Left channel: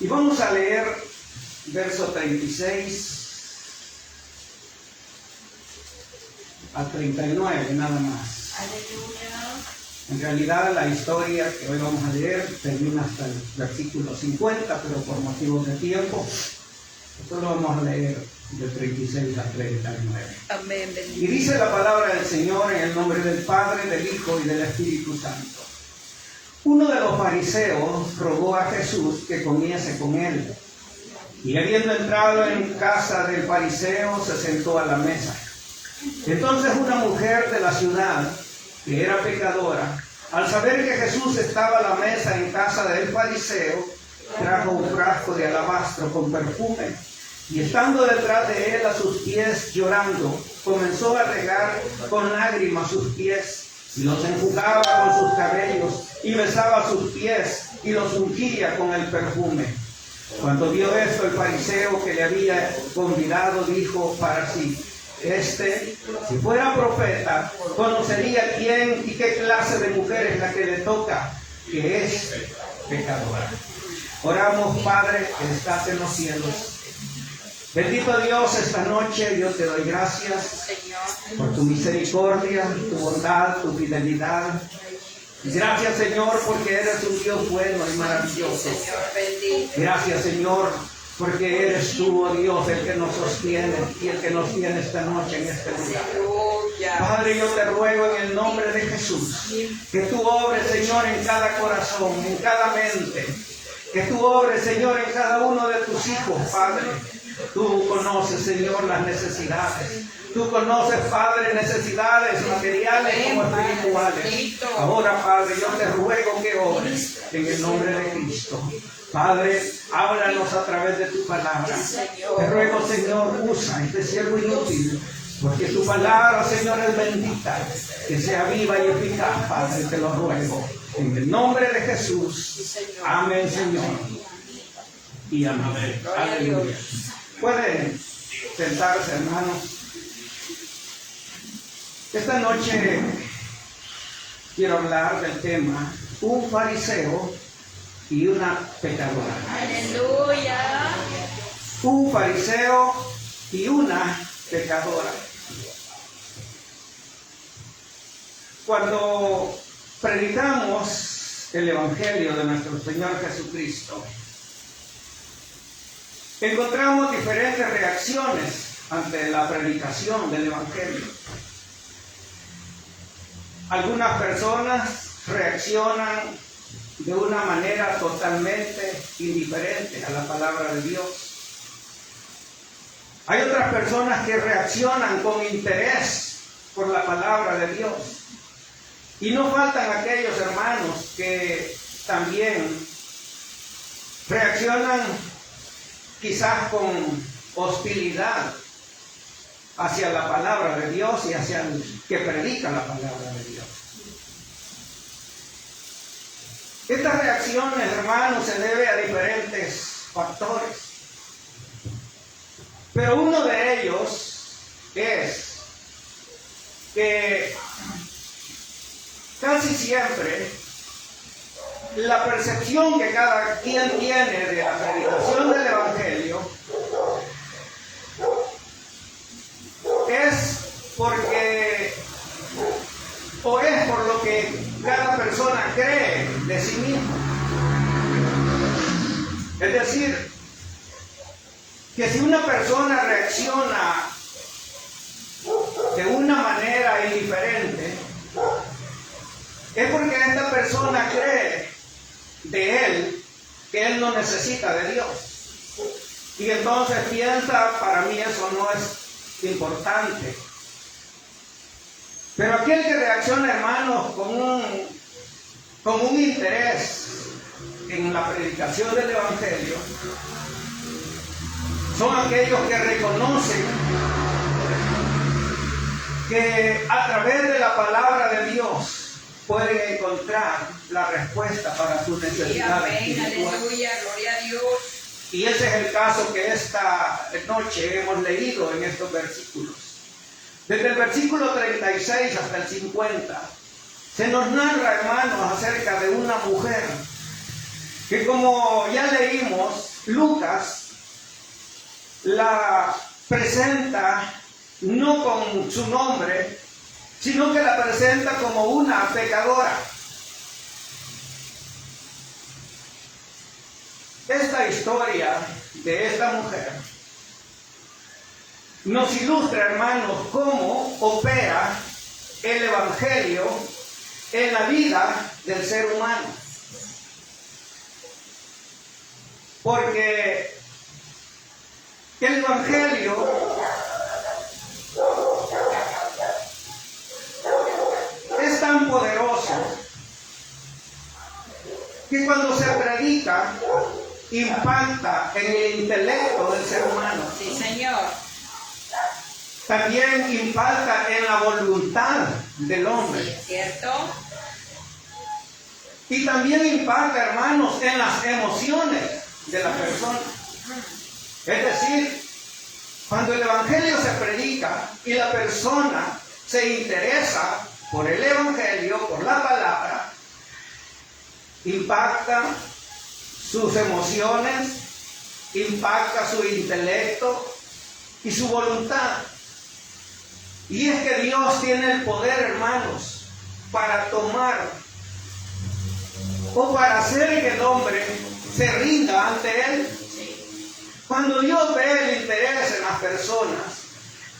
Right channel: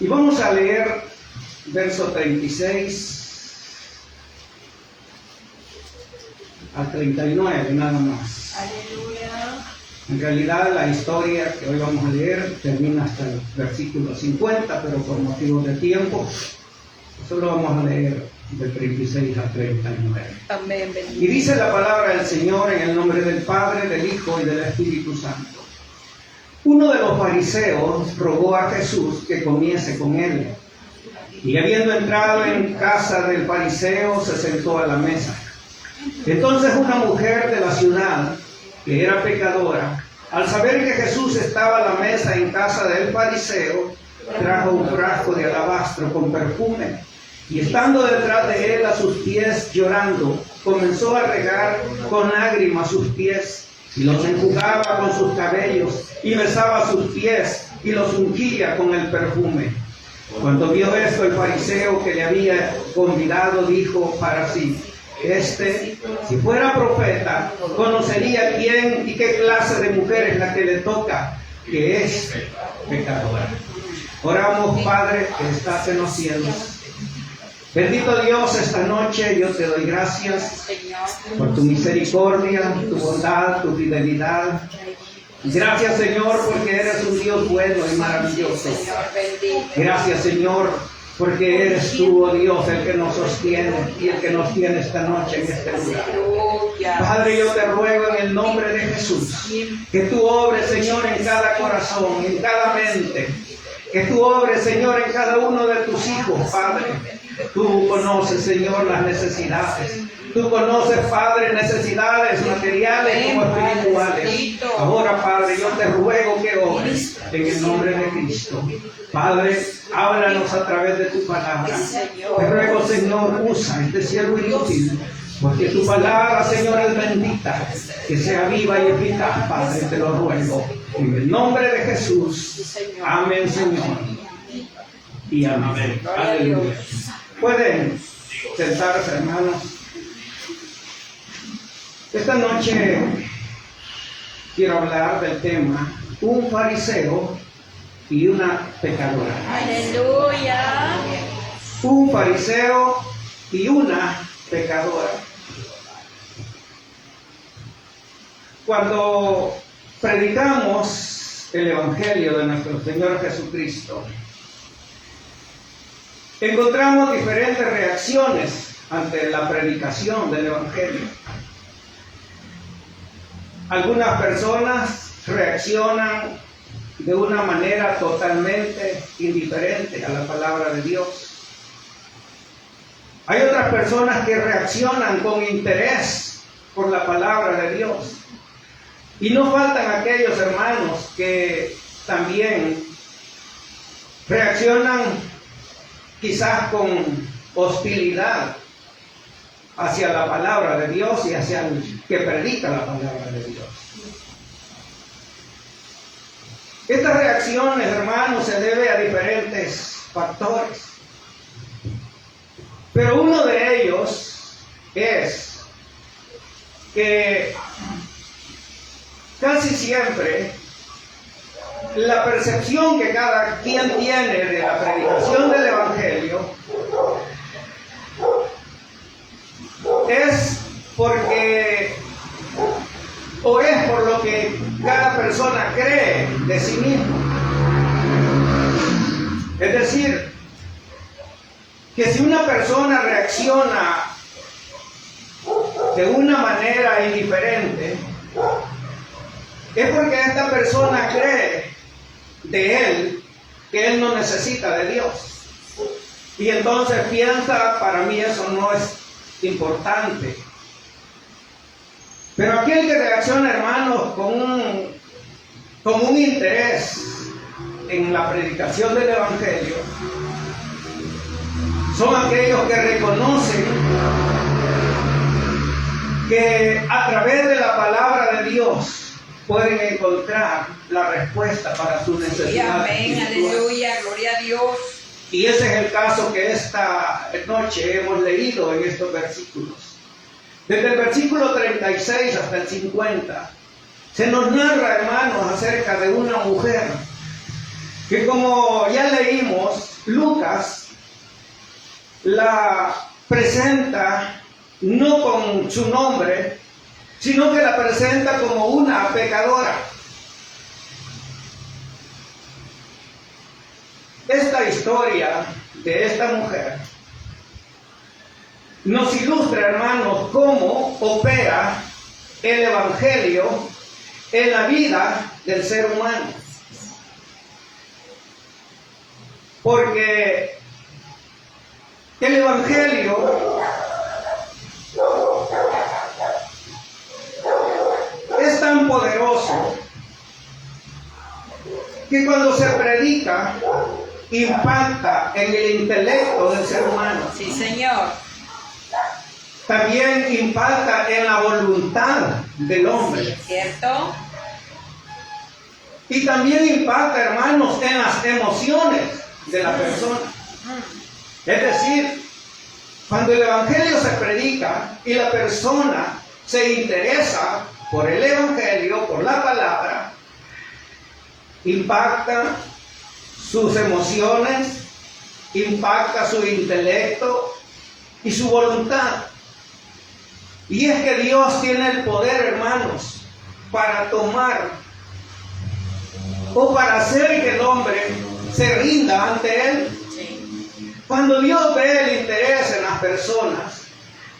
Y vamos a leer verso 36 al 39, nada más. Aleluya. En realidad la historia que hoy vamos a leer termina hasta el versículo 50, pero por motivos de tiempo solo vamos a leer del 36 al 39. Amén. Y dice la palabra del Señor en el nombre del Padre, del Hijo y del Espíritu Santo. Uno de los fariseos rogó a Jesús que comiese con él. Y habiendo entrado en casa del fariseo, se sentó a la mesa. Entonces una mujer de la ciudad, que era pecadora, al saber que Jesús estaba a la mesa en casa del fariseo, trajo un frasco de alabastro con perfume, y estando detrás de él a sus pies llorando, comenzó a regar con lágrimas sus pies, y los enjugaba con sus cabellos, y besaba sus pies, y los ungía con el perfume. Cuando vio esto, el fariseo que le había convidado dijo para sí: si fuera profeta, conocería quién y qué clase de mujer es la que le toca, que es pecadora. Oramos, Padre, que estás en los cielos. Bendito Dios, esta noche yo te doy gracias por tu misericordia, tu bondad, tu fidelidad. Gracias, Señor, porque eres un Dios bueno y maravilloso. Gracias, Señor, porque eres tú, oh Dios, el que nos sostiene y el que nos tiene esta noche en este lugar. Padre, yo te ruego en el nombre de Jesús que tú obres, Señor, en cada corazón, en cada mente. Que tú obres, Señor, en cada uno de tus hijos, Padre. Tú conoces, Señor, las necesidades. Tú conoces, Padre, necesidades materiales como espirituales. Ahora, Padre, yo te ruego que obres en el nombre de Cristo. Padre, háblanos a través de tu palabra. Te ruego, Señor, usa este siervo inútil, porque tu palabra, Señor, es bendita. Que sea viva y eficaz, Padre, te lo ruego. En el nombre de Jesús. Amén, Señor. Y amén. Aleluya. Pueden sentarse, hermanos. Esta noche quiero hablar del tema un fariseo y una pecadora. Aleluya. Un fariseo y una pecadora. Cuando predicamos el Evangelio de nuestro Señor Jesucristo, encontramos diferentes reacciones ante la predicación del Evangelio. Algunas personas reaccionan de una manera totalmente indiferente a la palabra de Dios. Hay otras personas que reaccionan con interés por la palabra de Dios. Y no faltan aquellos hermanos que también reaccionan quizás con hostilidad hacia la palabra de Dios y hacia el que predica la palabra de Dios. Estas reacciones, hermanos, se debe a diferentes factores. Pero uno de ellos es que casi siempre la percepción que cada quien tiene de la predicación del Evangelio es porque o es por lo que cada persona cree de sí mismo. Es decir, que si una persona reacciona de una manera indiferente, es porque esta persona cree de él que él no necesita de Dios. Y entonces piensa, para mí eso no es importante. Pero aquel que reacciona, hermanos, con un interés en la predicación del Evangelio, son aquellos que reconocen que a través de la palabra de Dios pueden encontrar la respuesta para su necesidad. Amén, aleluya, gloria a Dios. Y ese es el caso que esta noche hemos leído en estos versículos. Desde el versículo 36 hasta el 50, se nos narra, hermanos, acerca de una mujer que, como ya leímos, Lucas la presenta no con su nombre, sino que la presenta como una pecadora. Esta historia de esta mujer nos ilustra, hermanos, cómo opera el Evangelio en la vida del ser humano. Porque el Evangelio es tan poderoso que cuando se predica impacta en el intelecto del ser humano. Sí, Señor. También impacta en la voluntad del hombre. ¿Cierto? Y también impacta, hermanos, en las emociones de la persona. Es decir, cuando el Evangelio se predica y la persona se interesa por el Evangelio, por la palabra, impacta sus emociones, impacta su intelecto y su voluntad. Y es que Dios tiene el poder, hermanos, para tomar o para hacer que el hombre se rinda ante Él. Cuando Dios ve el interés en las personas,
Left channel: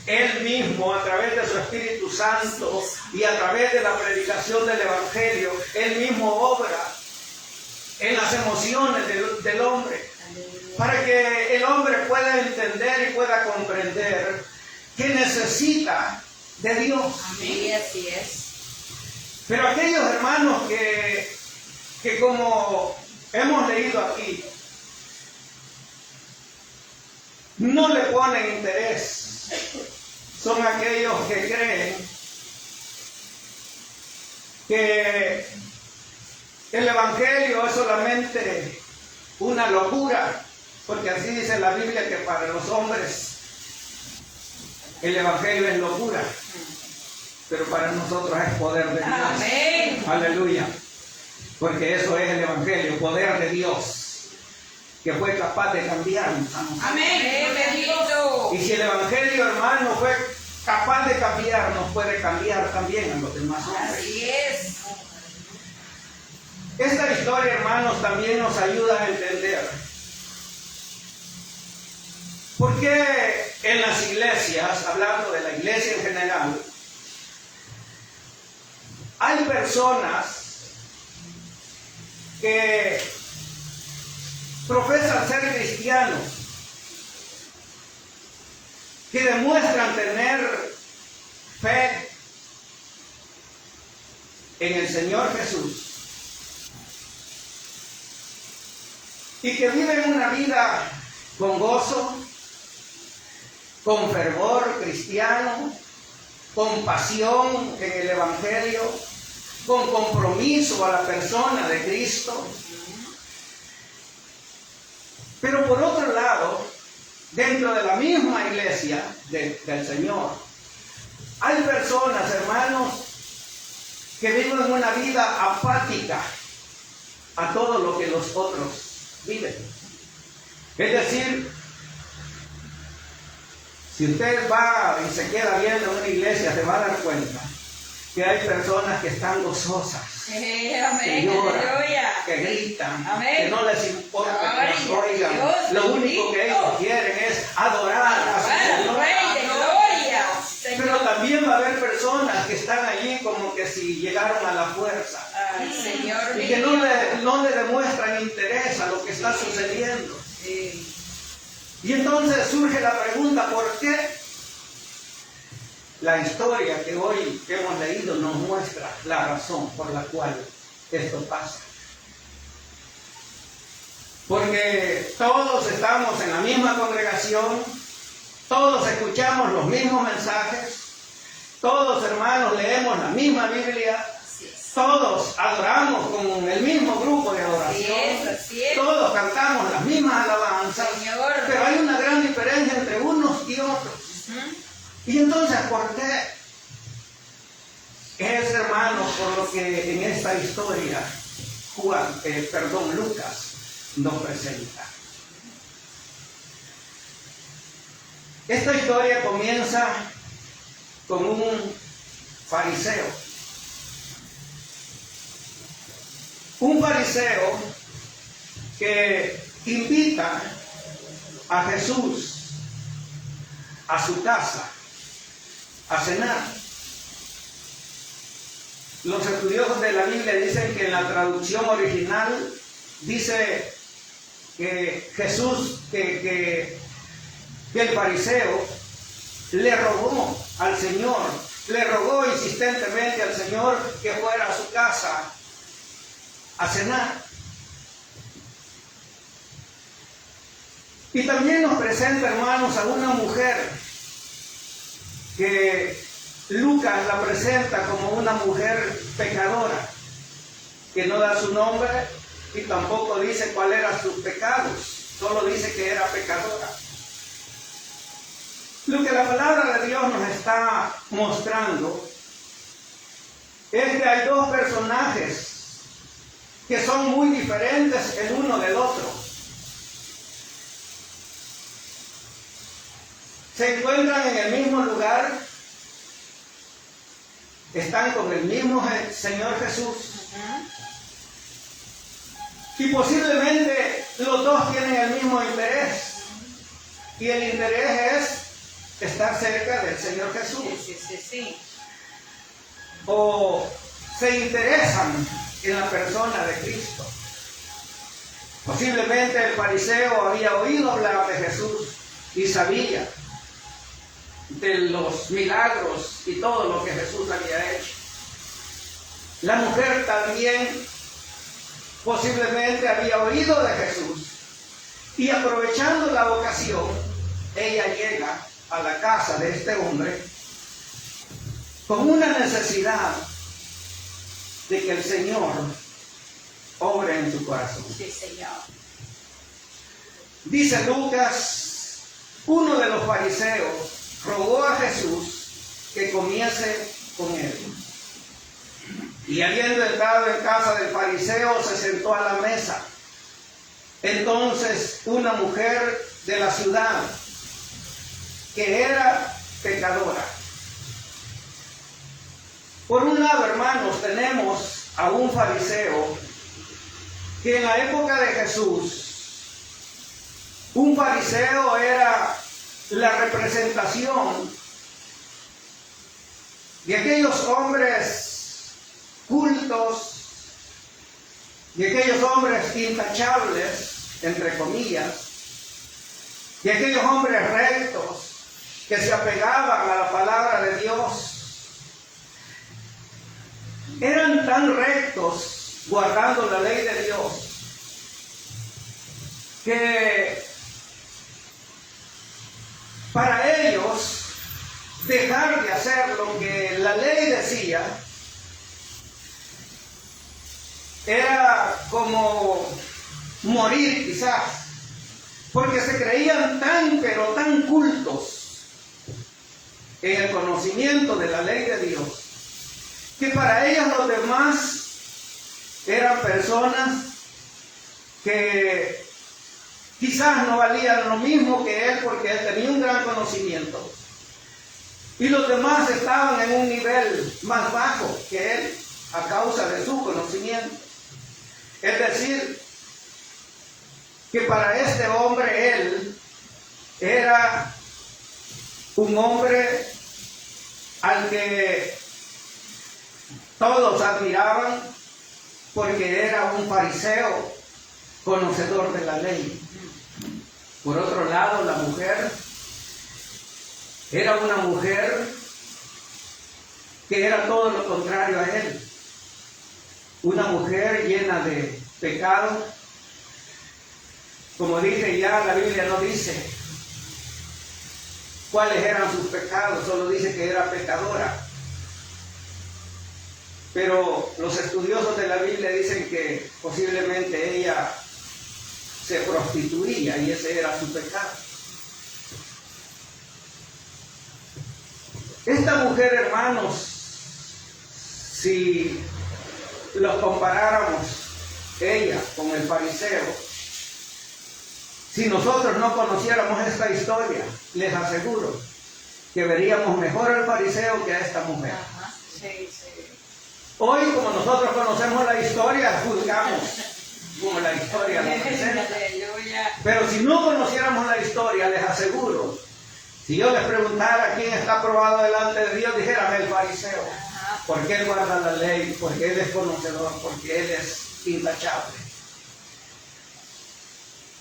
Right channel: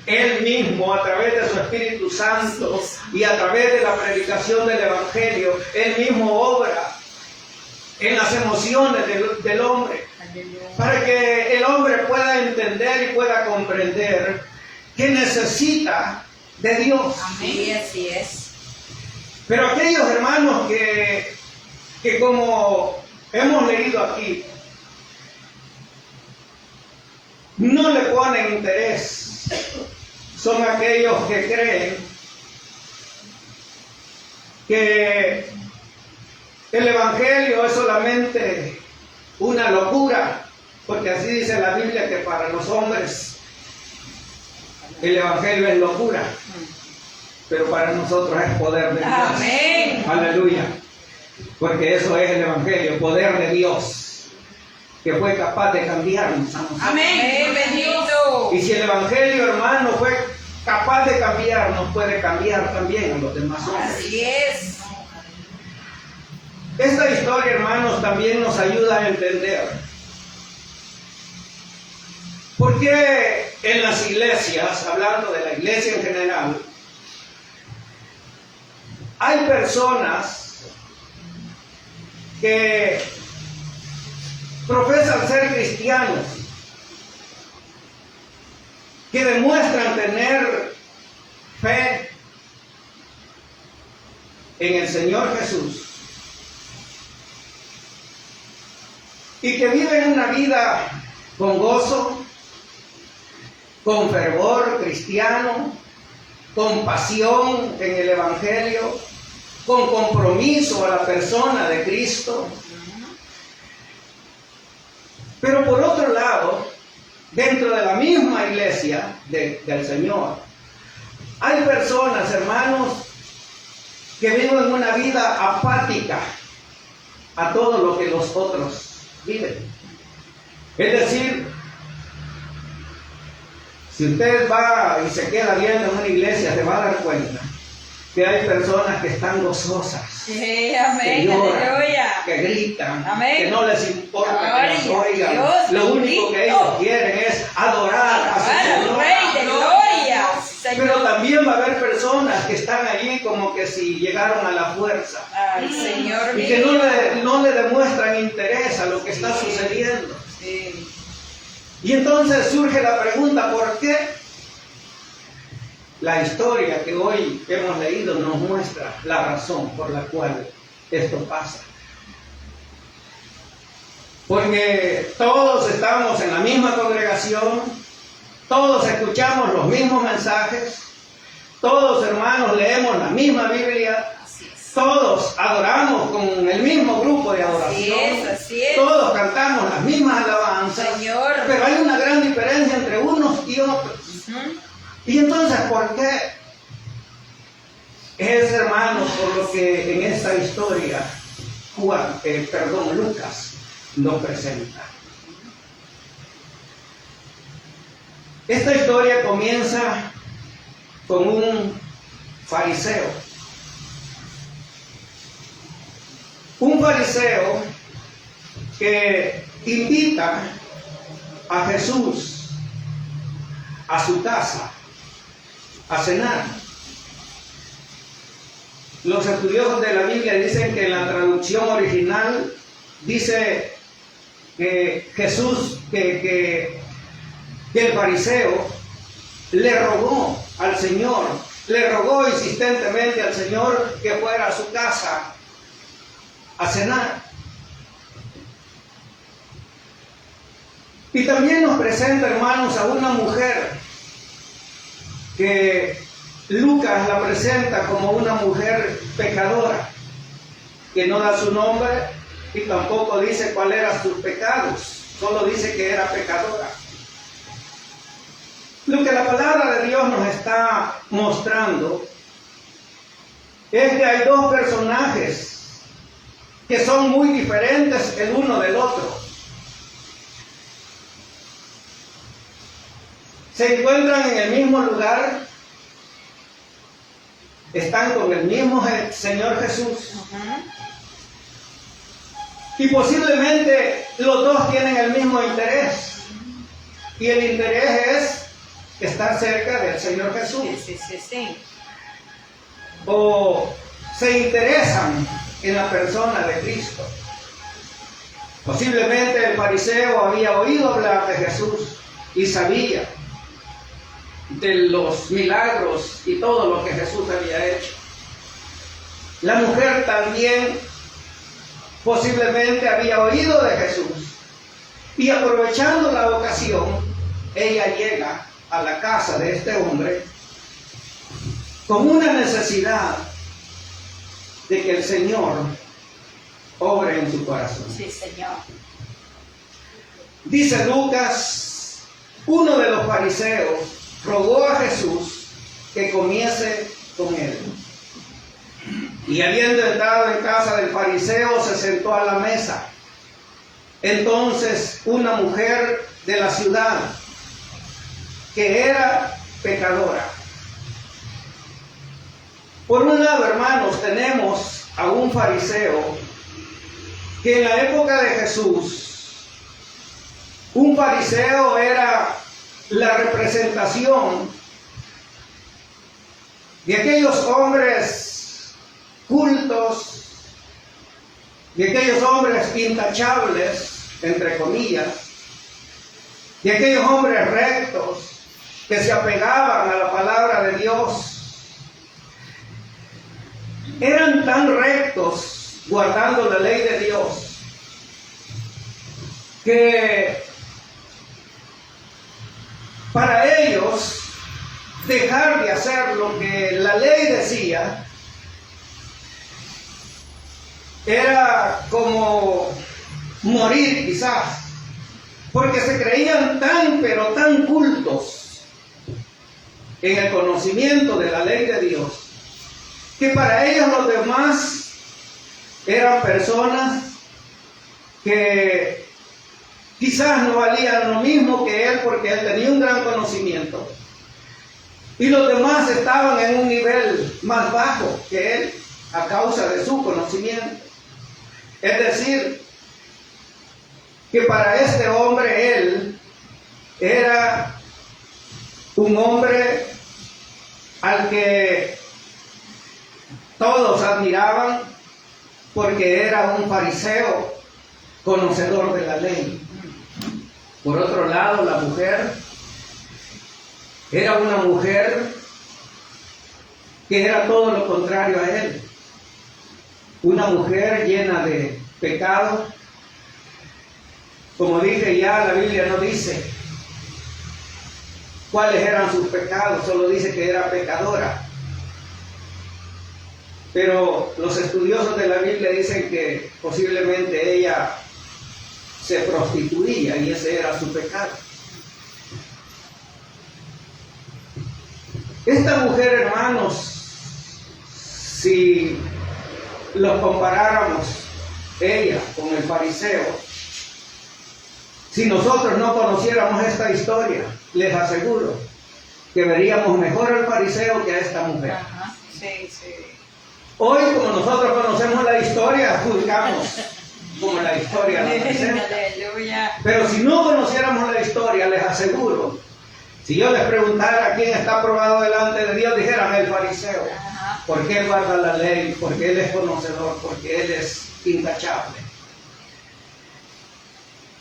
Él mismo, a través de su Espíritu Santo y a través de la predicación del Evangelio, Él mismo obra en las emociones del hombre, para que el hombre pueda entender y pueda comprender que necesita de Dios. Amén. Así es. Pero aquellos hermanos que como hemos leído aquí, no le ponen interés, son aquellos que creen que el Evangelio es solamente una locura, porque así dice la Biblia que para los hombres el Evangelio es locura, pero para nosotros es poder de Dios. Amén. Aleluya. Porque eso es el Evangelio, poder de Dios, que fue capaz de cambiarnos a nosotros. Amén. Bendito. Y si el Evangelio, hermano, fue capaz de cambiarnos, puede cambiar también a los demás hombres. Así es. Esta historia, hermanos, también nos ayuda a entender por qué en las iglesias, hablando de la iglesia en general, hay personas que profesan ser cristianos, que demuestran tener fe en el Señor Jesús y que viven una vida con gozo, con fervor cristiano, con pasión en el Evangelio, con compromiso a la persona de Cristo. Pero por otro lado, dentro de la misma iglesia del Señor, hay personas, hermanos, que viven una vida apática a todo lo que los otros viven. Es decir, si usted va y se queda viendo en una iglesia, se va a dar cuenta que hay personas que están gozosas, Sí, que amén. lloran, Aleluya. que gritan, Amén. que no les importa Gloria que nos oigan. a Dios, Lo único que bendito. ellos quieren es adorar a su Alabar al Señor. Rey de Gloria. Pero Señor. también va a haber personas que están allí como que si llegaron a la fuerza Ay, Señor y que mío. no le demuestran interés a lo que está sucediendo. Sí. Y entonces surge la pregunta, ¿por qué? La historia que hoy hemos leído nos muestra la razón por la cual esto pasa. Porque todos estamos en la misma congregación, todos escuchamos los mismos mensajes, todos, hermanos, leemos la misma Biblia, todos adoramos con el mismo grupo de adoración, Así es. todos cantamos las mismas alabanzas, Señor. pero hay una gran diferencia entre unos y otros. Y entonces, ¿por qué? Es, hermanos, por lo que en esta historia Lucas nos presenta. Esta historia comienza con un fariseo. Un fariseo que invita a Jesús a su casa a cenar. Los estudiosos de la Biblia dicen que en la traducción original dice que Jesús, que el fariseo le rogó al Señor, le rogó insistentemente al Señor que fuera a su casa a cenar. Y también nos presenta, hermanos, a una mujer que Lucas la presenta como una mujer pecadora, que no da su nombre y tampoco dice cuáles eran sus pecados, solo dice que era pecadora. Lo que la palabra de Dios nos está mostrando es que hay dos personajes que son muy diferentes el uno del otro. Se encuentran en el mismo lugar, están con el mismo Señor Jesús. Y posiblemente los dos tienen el mismo interés. Y el interés es estar cerca del Señor Jesús. Sí. O se interesan en la persona de Cristo. Posiblemente el fariseo había oído hablar de Jesús y sabía de los milagros y todo lo que Jesús había hecho. La mujer también posiblemente había oído de Jesús y aprovechando la ocasión, ella llega a la casa de este hombre con una necesidad de que el Señor obre en su corazón. Sí, Señor. Dice Lucas, uno de los fariseos rogó a Jesús que comiese con él. Y habiendo entrado en casa del fariseo, se sentó a la mesa. Entonces una mujer de la ciudad, que era pecadora. Por un lado, hermanos, tenemos a un fariseo que en la época de Jesús, un fariseo era la representación de aquellos hombres cultos, de aquellos hombres intachables, entre comillas, de aquellos hombres rectos que se apegaban a la palabra de Dios. Eran tan rectos guardando la ley de Dios que para ellos dejar de hacer lo que la ley decía era como morir quizás, porque se creían tan pero tan cultos en el conocimiento de la ley de Dios, que para ellos los demás eran personas que quizás no valían lo mismo que él, porque él tenía un gran conocimiento, y los demás estaban en un nivel más bajo que él a causa de su conocimiento. Es decir, que para este hombre él era un hombre al que todos admiraban porque era un fariseo conocedor de la ley. Por otro lado, la mujer era una mujer que era todo lo contrario a él. Una mujer llena de pecado. Como dije ya, la Biblia no dice cuáles eran sus pecados, solo dice que era pecadora. Pero los estudiosos de la Biblia dicen que posiblemente ella se prostituía y ese era su pecado. Esta mujer, hermanos, si lo comparáramos ella con el fariseo, Si nosotros no conociéramos esta historia, les aseguro que veríamos mejor al fariseo que a esta mujer. Ajá. Sí, sí. Hoy, como nosotros conocemos la historia, juzgamos como la historia nos presenta. Aleluya. Pero si no conociéramos la historia, les aseguro, si yo les preguntara quién está aprobado delante de Dios, dijeran el fariseo. Ajá. Porque él guarda la ley, porque él es conocedor, porque él es intachable.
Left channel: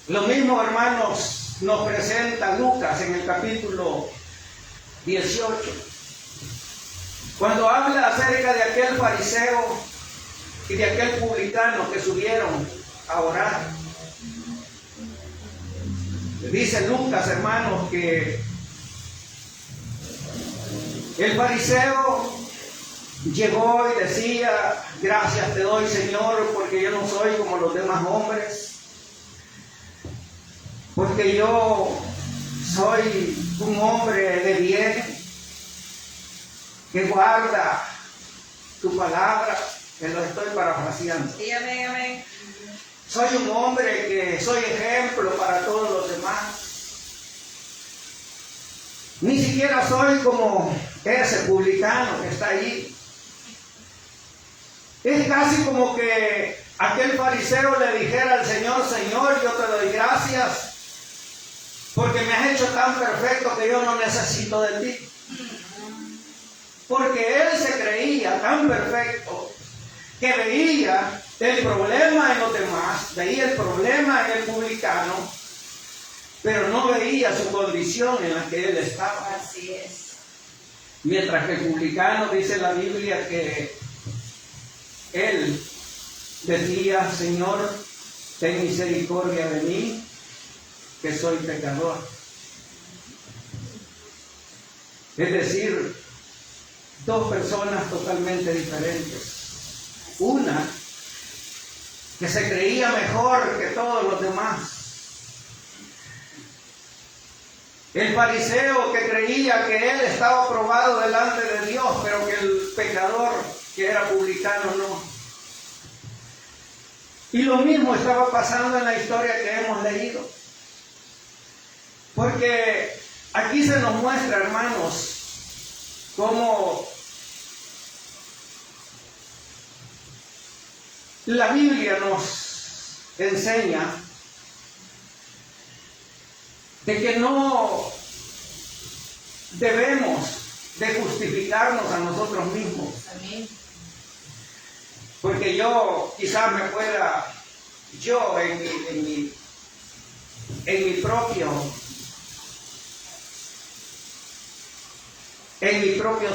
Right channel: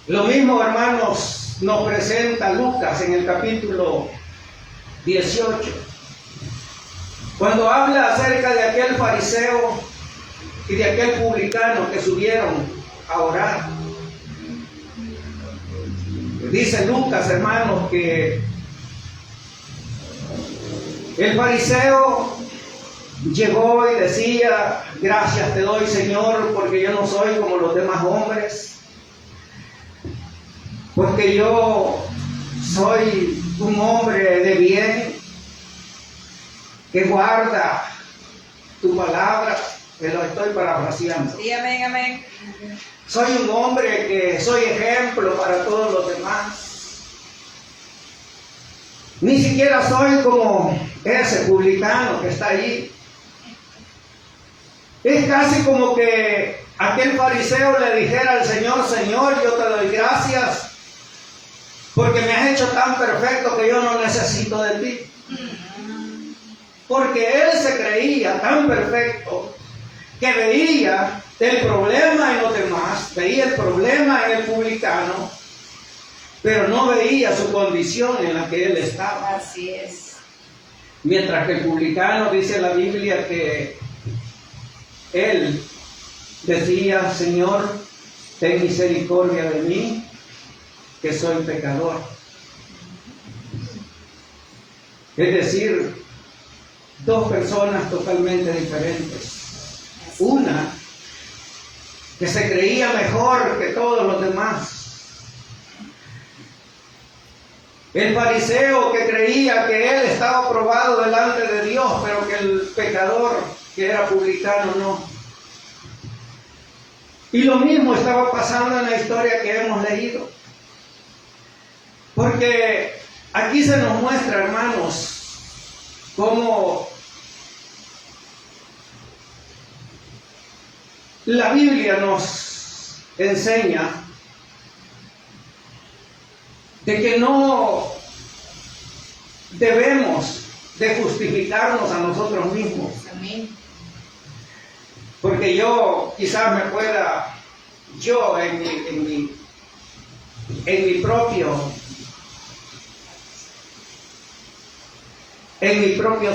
Lo mismo, hermanos, nos presenta Lucas en el capítulo 18. Cuando habla acerca de aquel fariseo y de aquel publicano que subieron a orar. Dice Lucas, hermanos, que el fariseo llegó y decía: gracias te doy, Señor, porque yo no soy como los demás hombres, porque yo soy un hombre de bien, que guarda tu palabra, que lo estoy parafraseando. Sí, amén, amén. Soy un hombre que soy ejemplo para todos los demás. Ni siquiera soy como ese publicano que está allí. Es casi como que aquel fariseo le dijera al Señor: Señor, yo te doy gracias porque me has hecho tan perfecto que yo no necesito de ti. Porque él se creía tan perfecto que veía el problema en los demás, veía el problema en el publicano, pero no veía su condición en la que él estaba. Así es. Mientras que el publicano, dice la Biblia, que él decía: Señor, ten misericordia de mí, que soy pecador. Es decir, dos personas totalmente diferentes. Una que se creía mejor que todos los demás. El fariseo que creía que él estaba aprobado delante de Dios, pero que el pecador, que era publicano, no. Y lo mismo estaba pasando en la historia que hemos leído. Porque aquí se nos muestra, hermanos, cómo la Biblia nos enseña de que no debemos de justificarnos a nosotros mismos. Amén. Porque yo quizás me pueda, yo en mi propio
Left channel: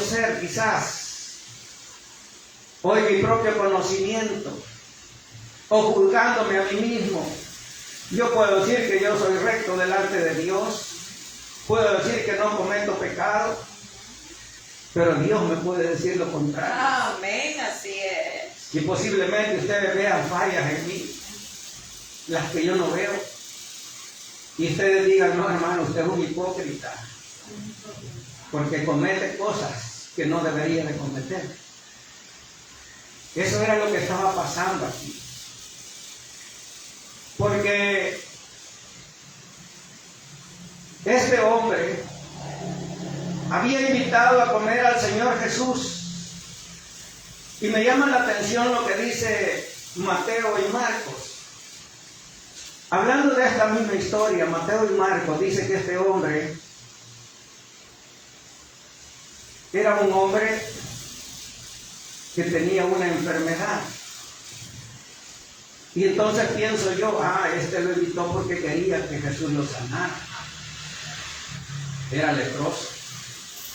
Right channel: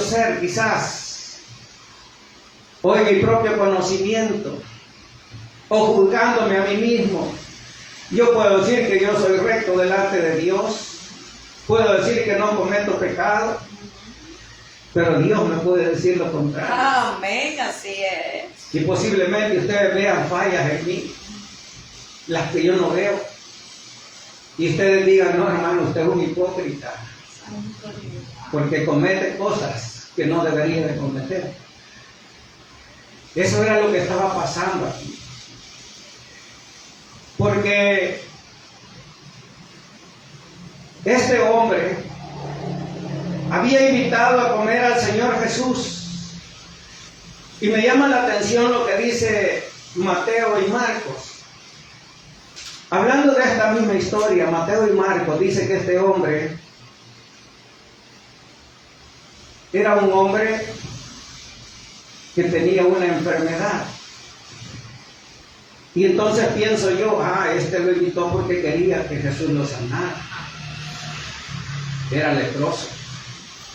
ser quizás, o en mi propio conocimiento, o juzgándome a mí mismo, yo puedo decir que yo soy recto delante de Dios, puedo decir que no cometo pecado, pero Dios me puede decir lo contrario. Amén, así es. Y posiblemente ustedes vean fallas en mí, las que yo no veo, y ustedes digan: no, hermano, usted es un hipócrita, porque comete cosas que no debería de cometer. Eso era lo que estaba pasando aquí. Porque este hombre había invitado a comer al Señor Jesús. Y me llama la atención lo que dice Mateo y Marcos. Hablando de esta misma historia, Mateo y Marcos dice que este hombre era un hombre que tenía una enfermedad. Y entonces pienso yo: este lo invitó porque quería que Jesús lo sanara. Era leproso.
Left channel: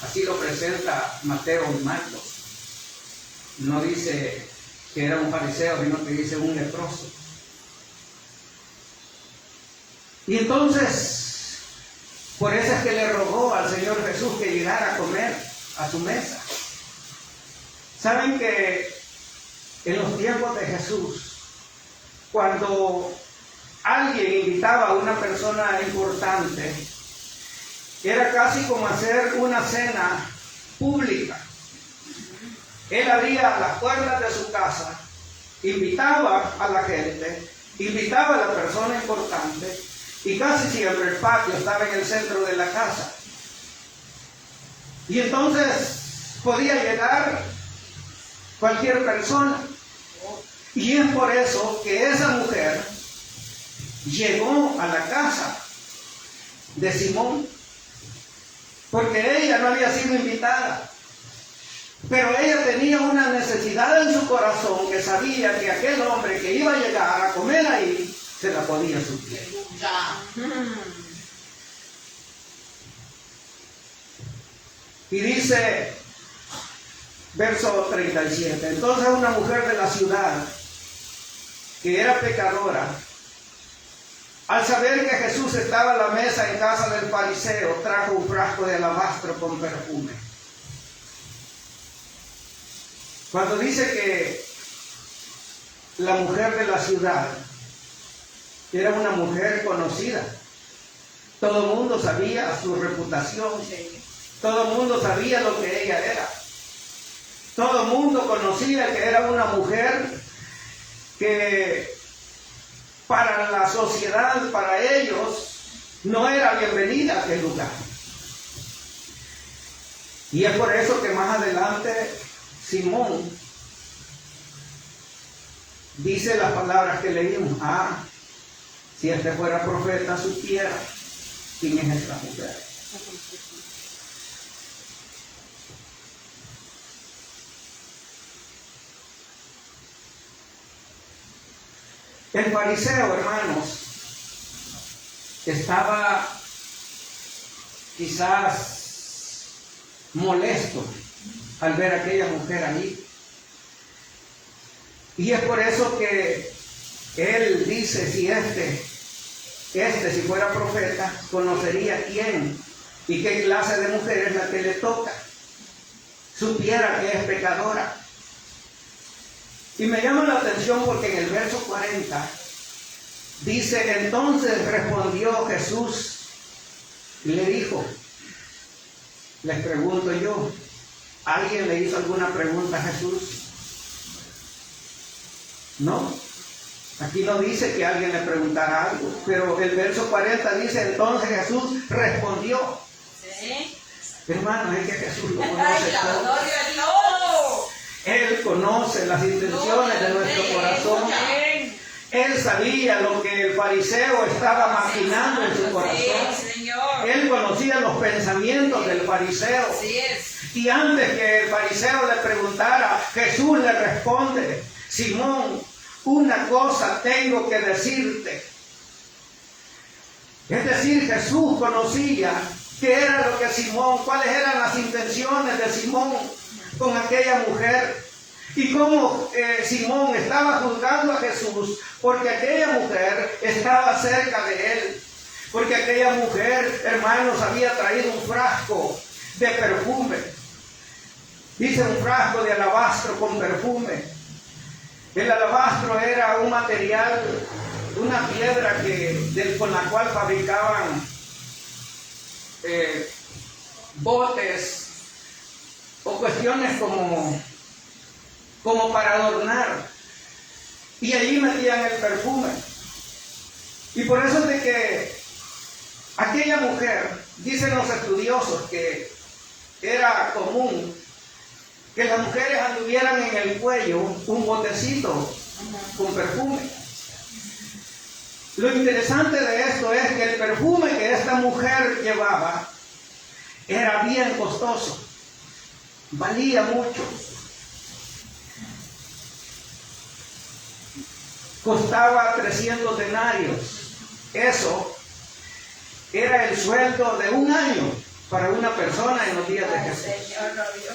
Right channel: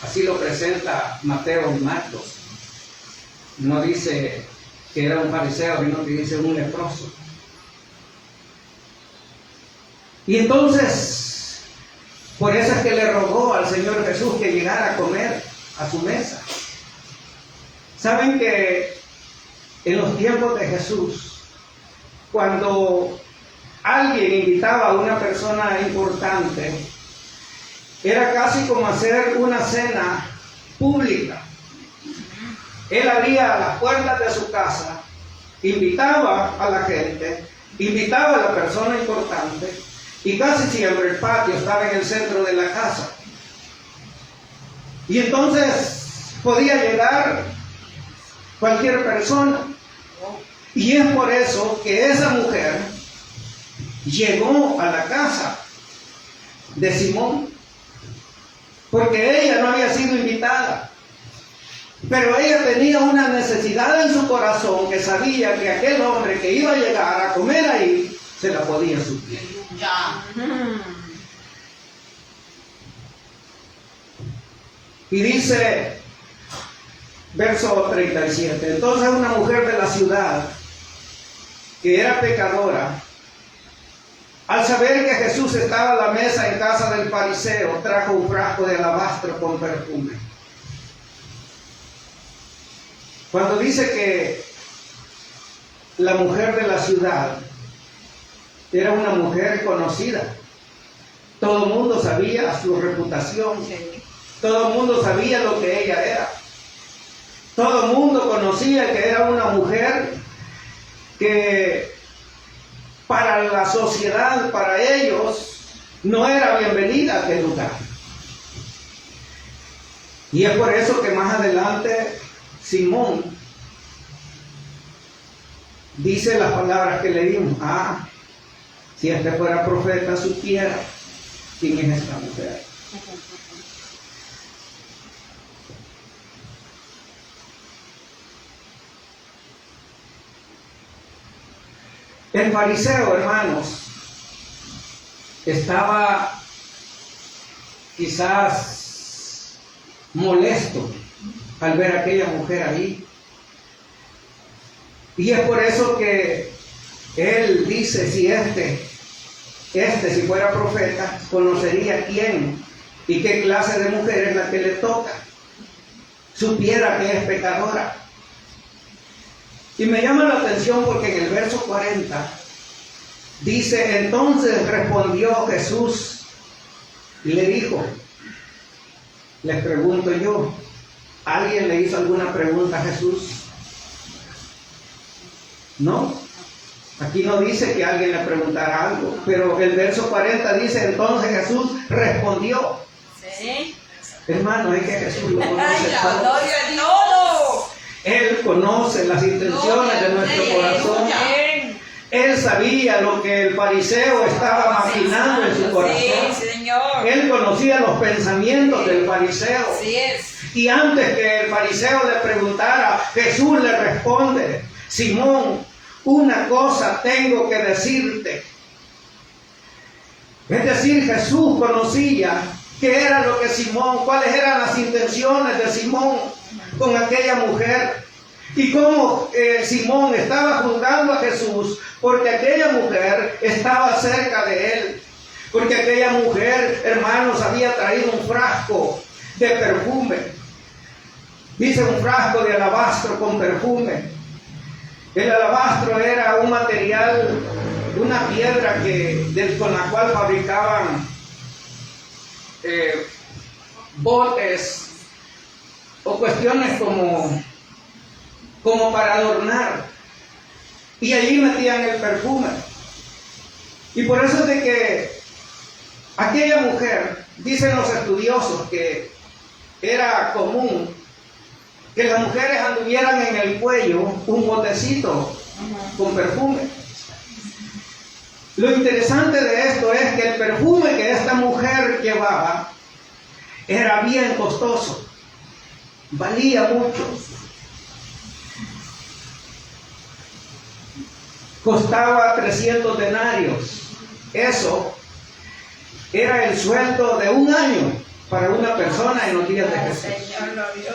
Así lo presenta Mateo y Marcos. No dice que era un fariseo, sino que dice un leproso. Y entonces, por eso es que le rogó al Señor Jesús que llegara a comer a su mesa. Saben que en los tiempos de Jesús, cuando alguien invitaba a una persona importante, era casi como hacer una cena pública. Él abría las puertas de su casa, invitaba a la gente, invitaba a la persona importante, Y casi siempre el patio estaba en el centro de la casa. Y entonces podía llegar cualquier persona. Y es por eso que esa mujer llegó a la casa de Simón, porque ella no había sido invitada, pero ella tenía una necesidad en su corazón que sabía que aquel hombre que iba a llegar a comer ahí se la podía suplir. Ya. Y dice, verso 37, entonces una mujer de la ciudad, que era pecadora, al saber que Jesús estaba a la mesa en casa del fariseo, trajo un frasco de alabastro con perfume. Cuando dice que la mujer de la ciudad era una mujer conocida, todo el mundo sabía su reputación, todo el mundo sabía lo que ella era, todo el mundo conocía que era una mujer que para la sociedad, para ellos, no era bienvenida a aquel lugar. Y es por eso que más adelante Simón dice las palabras que leímos: ah, si este fuera profeta supiera quién es esta mujer. El fariseo, hermanos, estaba quizás molesto al ver a aquella mujer ahí. Y es por eso que él dice, si fuera profeta, conocería quién y qué clase de mujer es la que le toca, supiera que es pecadora. Y me llama la atención porque en el verso 40 dice, entonces respondió Jesús y le dijo, les pregunto yo, ¿alguien le hizo alguna pregunta a Jesús? No, aquí no dice que alguien le preguntara algo, pero el verso 40 dice, entonces Jesús respondió. Sí. Hermano, es que Jesús lo conoce Ay, la todo. gloria a Dios. Él conoce las intenciones de nuestro corazón. Él sabía lo que el fariseo estaba maquinando en su corazón. Sí, Señor. Él conocía los pensamientos del fariseo. Así es. Y antes que el fariseo le preguntara, Jesús le responde, Simón, una cosa tengo que decirte. Es decir, Jesús conocía qué era lo que Simón, cuáles eran las intenciones de Simón con aquella mujer. Y cómo Simón estaba juzgando a Jesús porque aquella mujer estaba cerca de él. Porque aquella mujer, hermanos, había traído un frasco de perfume. Dice un frasco de alabastro con perfume. El alabastro era un material, una piedra con la cual fabricaban botes o cuestiones como para adornar, y allí metían el perfume. Y por eso es de que aquella mujer, dicen los estudiosos que era común que las mujeres anduvieran en el cuello un botecito con perfume. Lo interesante de esto es que el perfume que esta mujer llevaba era bien costoso, valía mucho. Costaba 300 denarios. Eso era el sueldo de un año para una persona en los días de Jesús. Señor, gloria.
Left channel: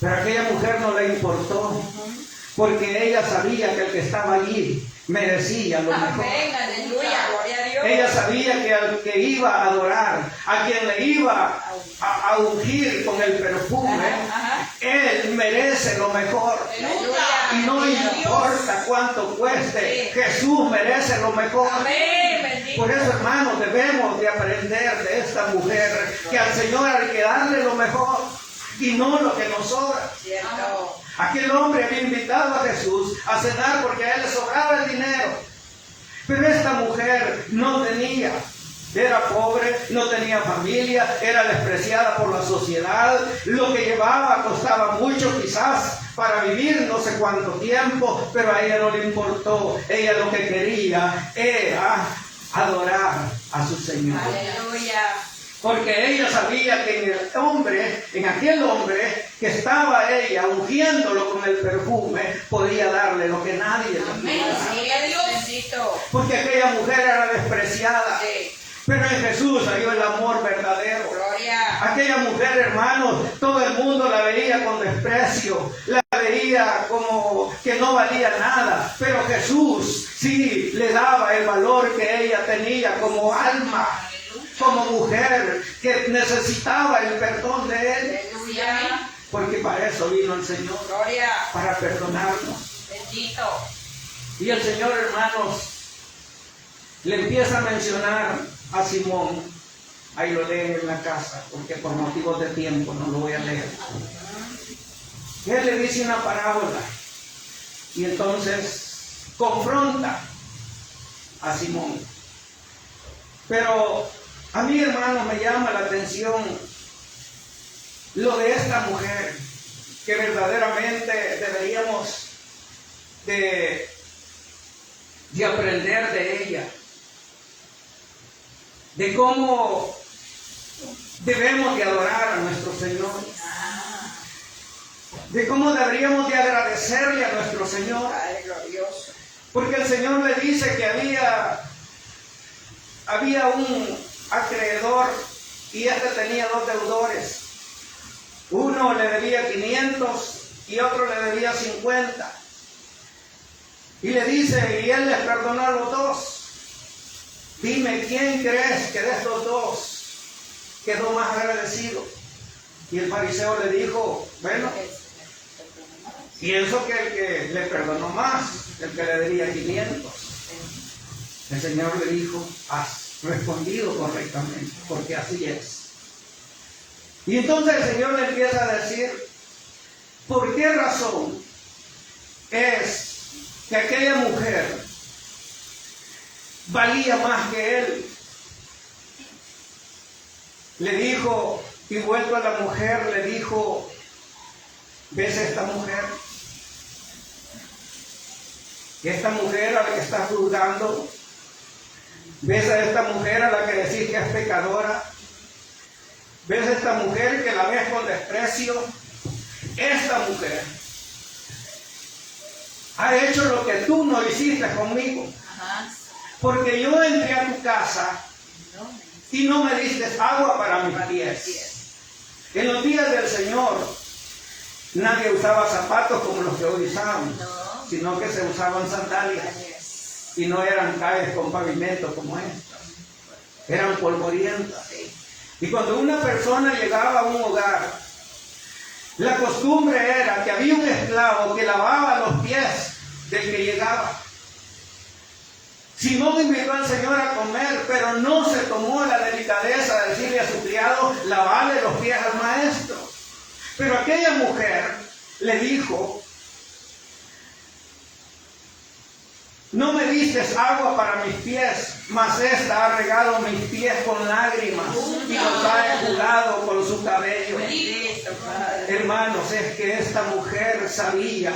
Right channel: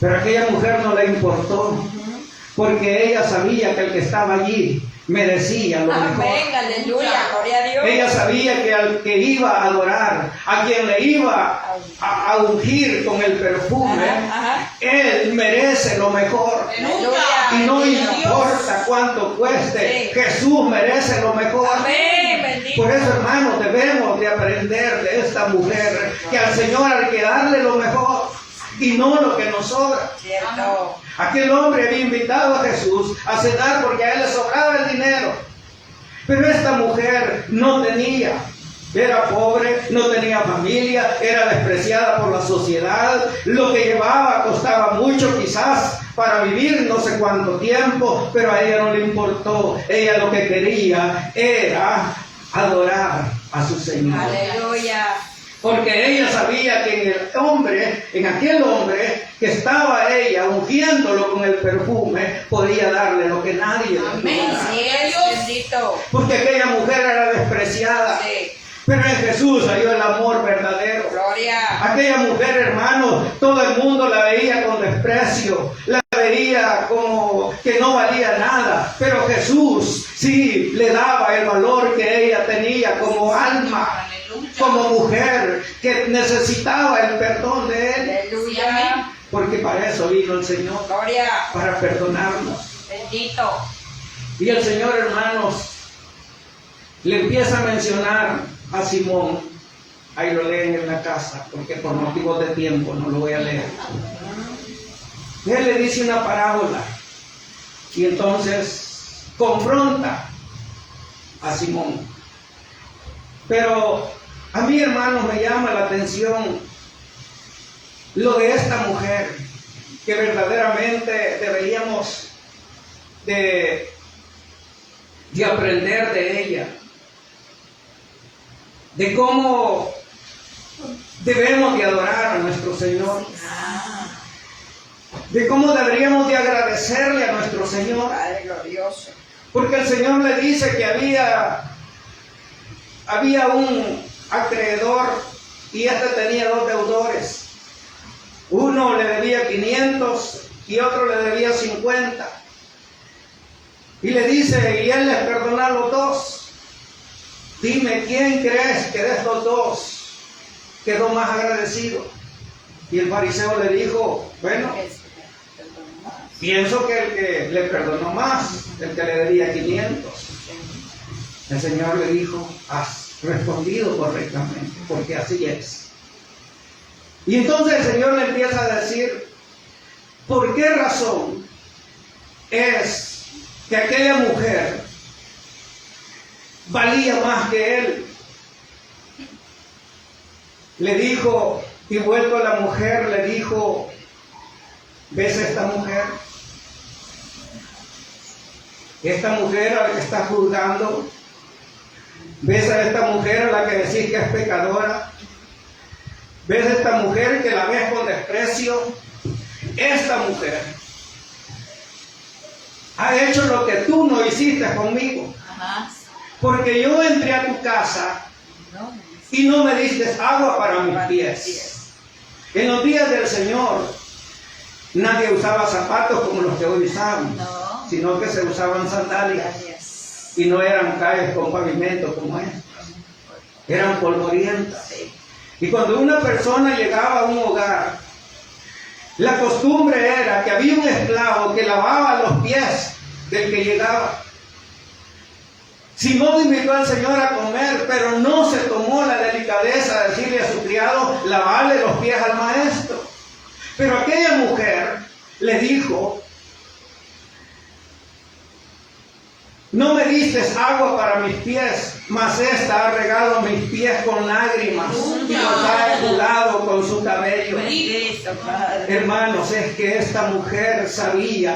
Pero a aquella mujer no le importó, porque ella sabía que el que estaba allí merecía lo mejor. Amén, aleluya, gloria a Dios. Ella sabía que al que iba a adorar, a quien le iba a ungir con el perfume, él merece lo mejor. Aleluya. Y no importa cuánto cueste, Sí. Jesús merece lo mejor. Amén, bendito. Por eso, hermanos, debemos de aprender de esta mujer que al Señor hay que darle lo mejor y no lo que nos sobra. Cierto. Aquel hombre había invitado a Jesús a cenar porque a él le sobraba el dinero. Pero esta mujer no tenía, era pobre, no tenía familia, era despreciada por la sociedad, lo que llevaba costaba mucho quizás para vivir no sé cuánto tiempo, pero a ella no le importó. Ella lo que quería era adorar a su Señor. Aleluya. Porque ella sabía que en aquel hombre que estaba ella ungiéndolo con el perfume, podía darle lo que nadie le Amén. podía dar. Sí, es bendito. Porque aquella mujer era despreciada. Sí. Pero en Jesús halló el amor verdadero. Gloria. Aquella mujer, hermanos, todo el mundo la veía con desprecio, la veía como que no valía nada. Pero Jesús sí le daba el valor que ella tenía como alma, como mujer que necesitaba el perdón de Él. Aleluya. Porque para eso vino el Señor, Gloria. para perdonarnos. Bendito. Y el Señor, hermanos, le empieza a mencionar a Simón. Ahí lo leen en la casa, porque por motivos de tiempo no lo voy a leer. Y él le dice una parábola. Y entonces confronta a Simón. Pero a mí, hermanos, me llama la atención lo de esta mujer, que verdaderamente deberíamos de aprender de ella, de cómo debemos de adorar a nuestro Señor, de cómo deberíamos de agradecerle a nuestro Señor, Padre glorioso. porque el Señor le dice que había un acreedor y este tenía dos deudores. Uno le debía 500 y otro le debía 50. Y le dice, y él les perdonó a los dos. Dime, ¿quién crees que de estos dos quedó más agradecido? Y el fariseo le dijo, bueno, pienso que el que le perdonó más, el que le debía 500. El Señor le dijo, has respondido correctamente, porque así es. Y entonces el Señor le empieza a decir, ¿por qué razón es que aquella mujer valía más que él? Le dijo, y vuelto a la mujer, le dijo, ¿ves a esta mujer? Esta mujer a la que estás juzgando. ¿Ves a esta mujer a la que decís que es pecadora? ¿Ves a esta mujer que la ves con desprecio? Esta mujer ha hecho lo que tú no hiciste conmigo. Porque yo entré a tu casa y no me diste agua para mis pies. En los días del Señor nadie usaba zapatos como los que hoy usamos, sino que se usaban sandalias. Y no eran calles con pavimento como estas, eran polvorientas. Y cuando una persona llegaba a un hogar, la costumbre era que había un esclavo que lavaba los pies del que llegaba. Simón invitó al Señor a comer, pero no se tomó la delicadeza de decirle a su criado, lavarle los pies al maestro. Pero aquella mujer le dijo, no me diste agua para mis pies, mas esta ha regado mis pies con lágrimas y los ha enjugado con su cabello. Hermanos, es que esta mujer sabía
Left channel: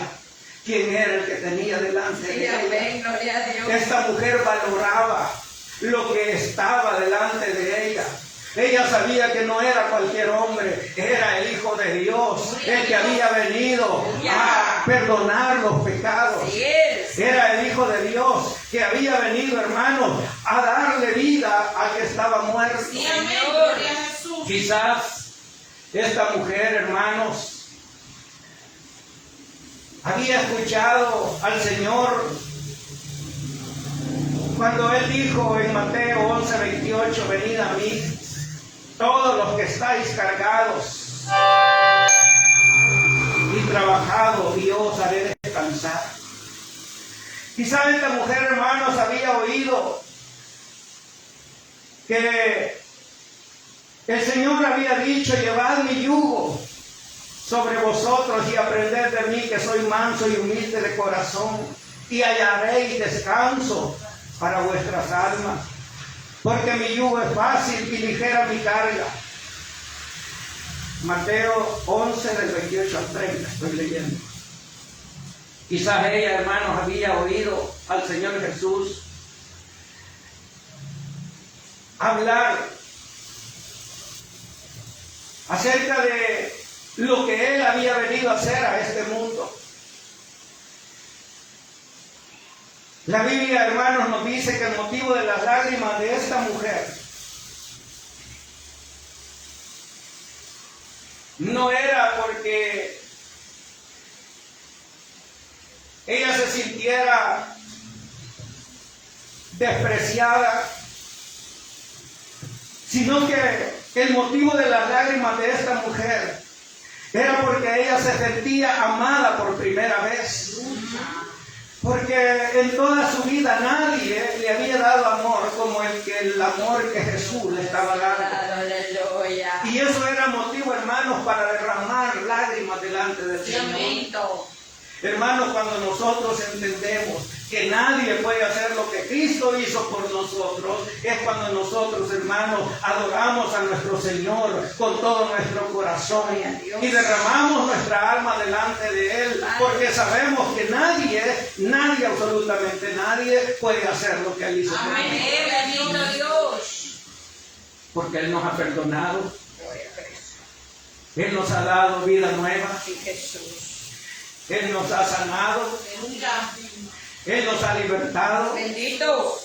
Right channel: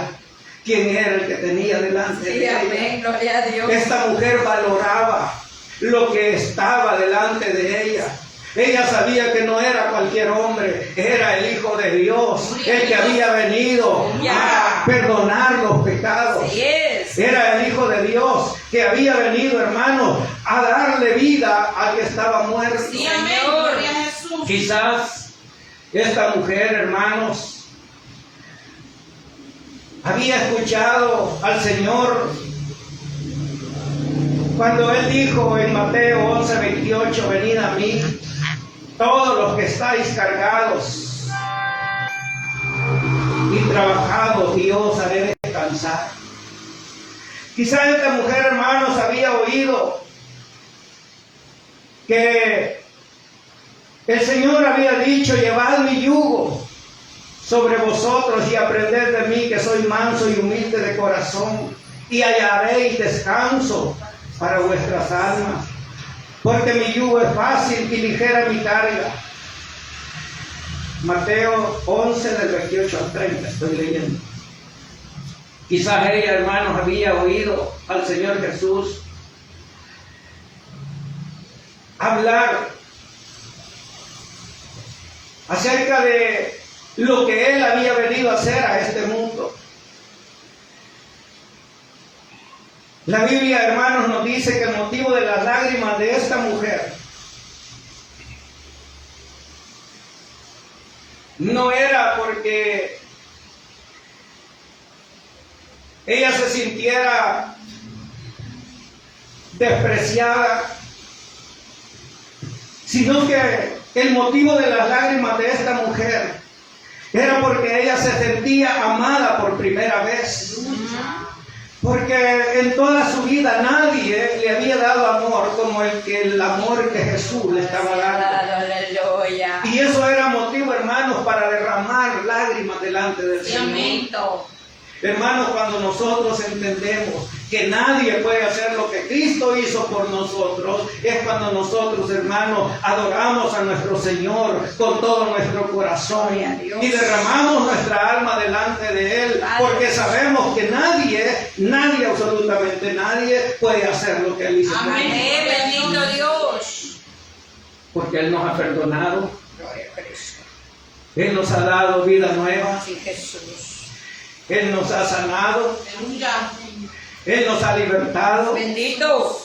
quién era el que tenía delante de ella. Amén, gloria a Dios. Esta mujer valoraba lo que estaba delante de ella. Ella sabía que no era cualquier hombre, era el Hijo de Dios, el que había venido a perdonar los pecados. Era el Hijo de Dios que había venido, hermanos, a darle vida al que estaba muerto. Quizás esta mujer, hermanos, había escuchado al Señor cuando Él dijo en Mateo 11:28, venid a mí, todos los que estáis cargados y trabajados, y yo os haré descansar. Quizás esta mujer, hermanos, había oído que el Señor había dicho, llevad mi yugo sobre vosotros y aprended de mí, que soy manso y humilde de corazón, y hallaréis descanso para vuestras almas, porque mi yugo es fácil y ligera mi carga. Mateo 11, del 28 al 30, estoy leyendo. Quizás ella, hermanos, había oído al Señor Jesús hablar acerca de lo que Él había venido a hacer a este mundo. La Biblia, hermanos, nos dice que el motivo de las lágrimas de esta mujer no era porque ella se sintiera despreciada, sino que el motivo de las lágrimas de esta mujer era porque ella se sentía amada por primera vez. Porque en toda su vida nadie le había dado amor como el amor que Jesús le estaba dando. Y eso era motivo, hermanos, para derramar lágrimas delante del Señor. Hermanos, cuando nosotros entendemos que nadie puede hacer lo que Cristo hizo por nosotros, es cuando nosotros, hermanos, adoramos a nuestro Señor con todo nuestro corazón y derramamos nuestra alma delante de Él, porque sabemos que nadie, absolutamente nadie, puede hacer lo que Él hizo. Amén, bendito Dios. Porque Él nos ha perdonado, Él nos ha dado vida nueva, Él nos ha sanado, Él nos ha libertado, bendito.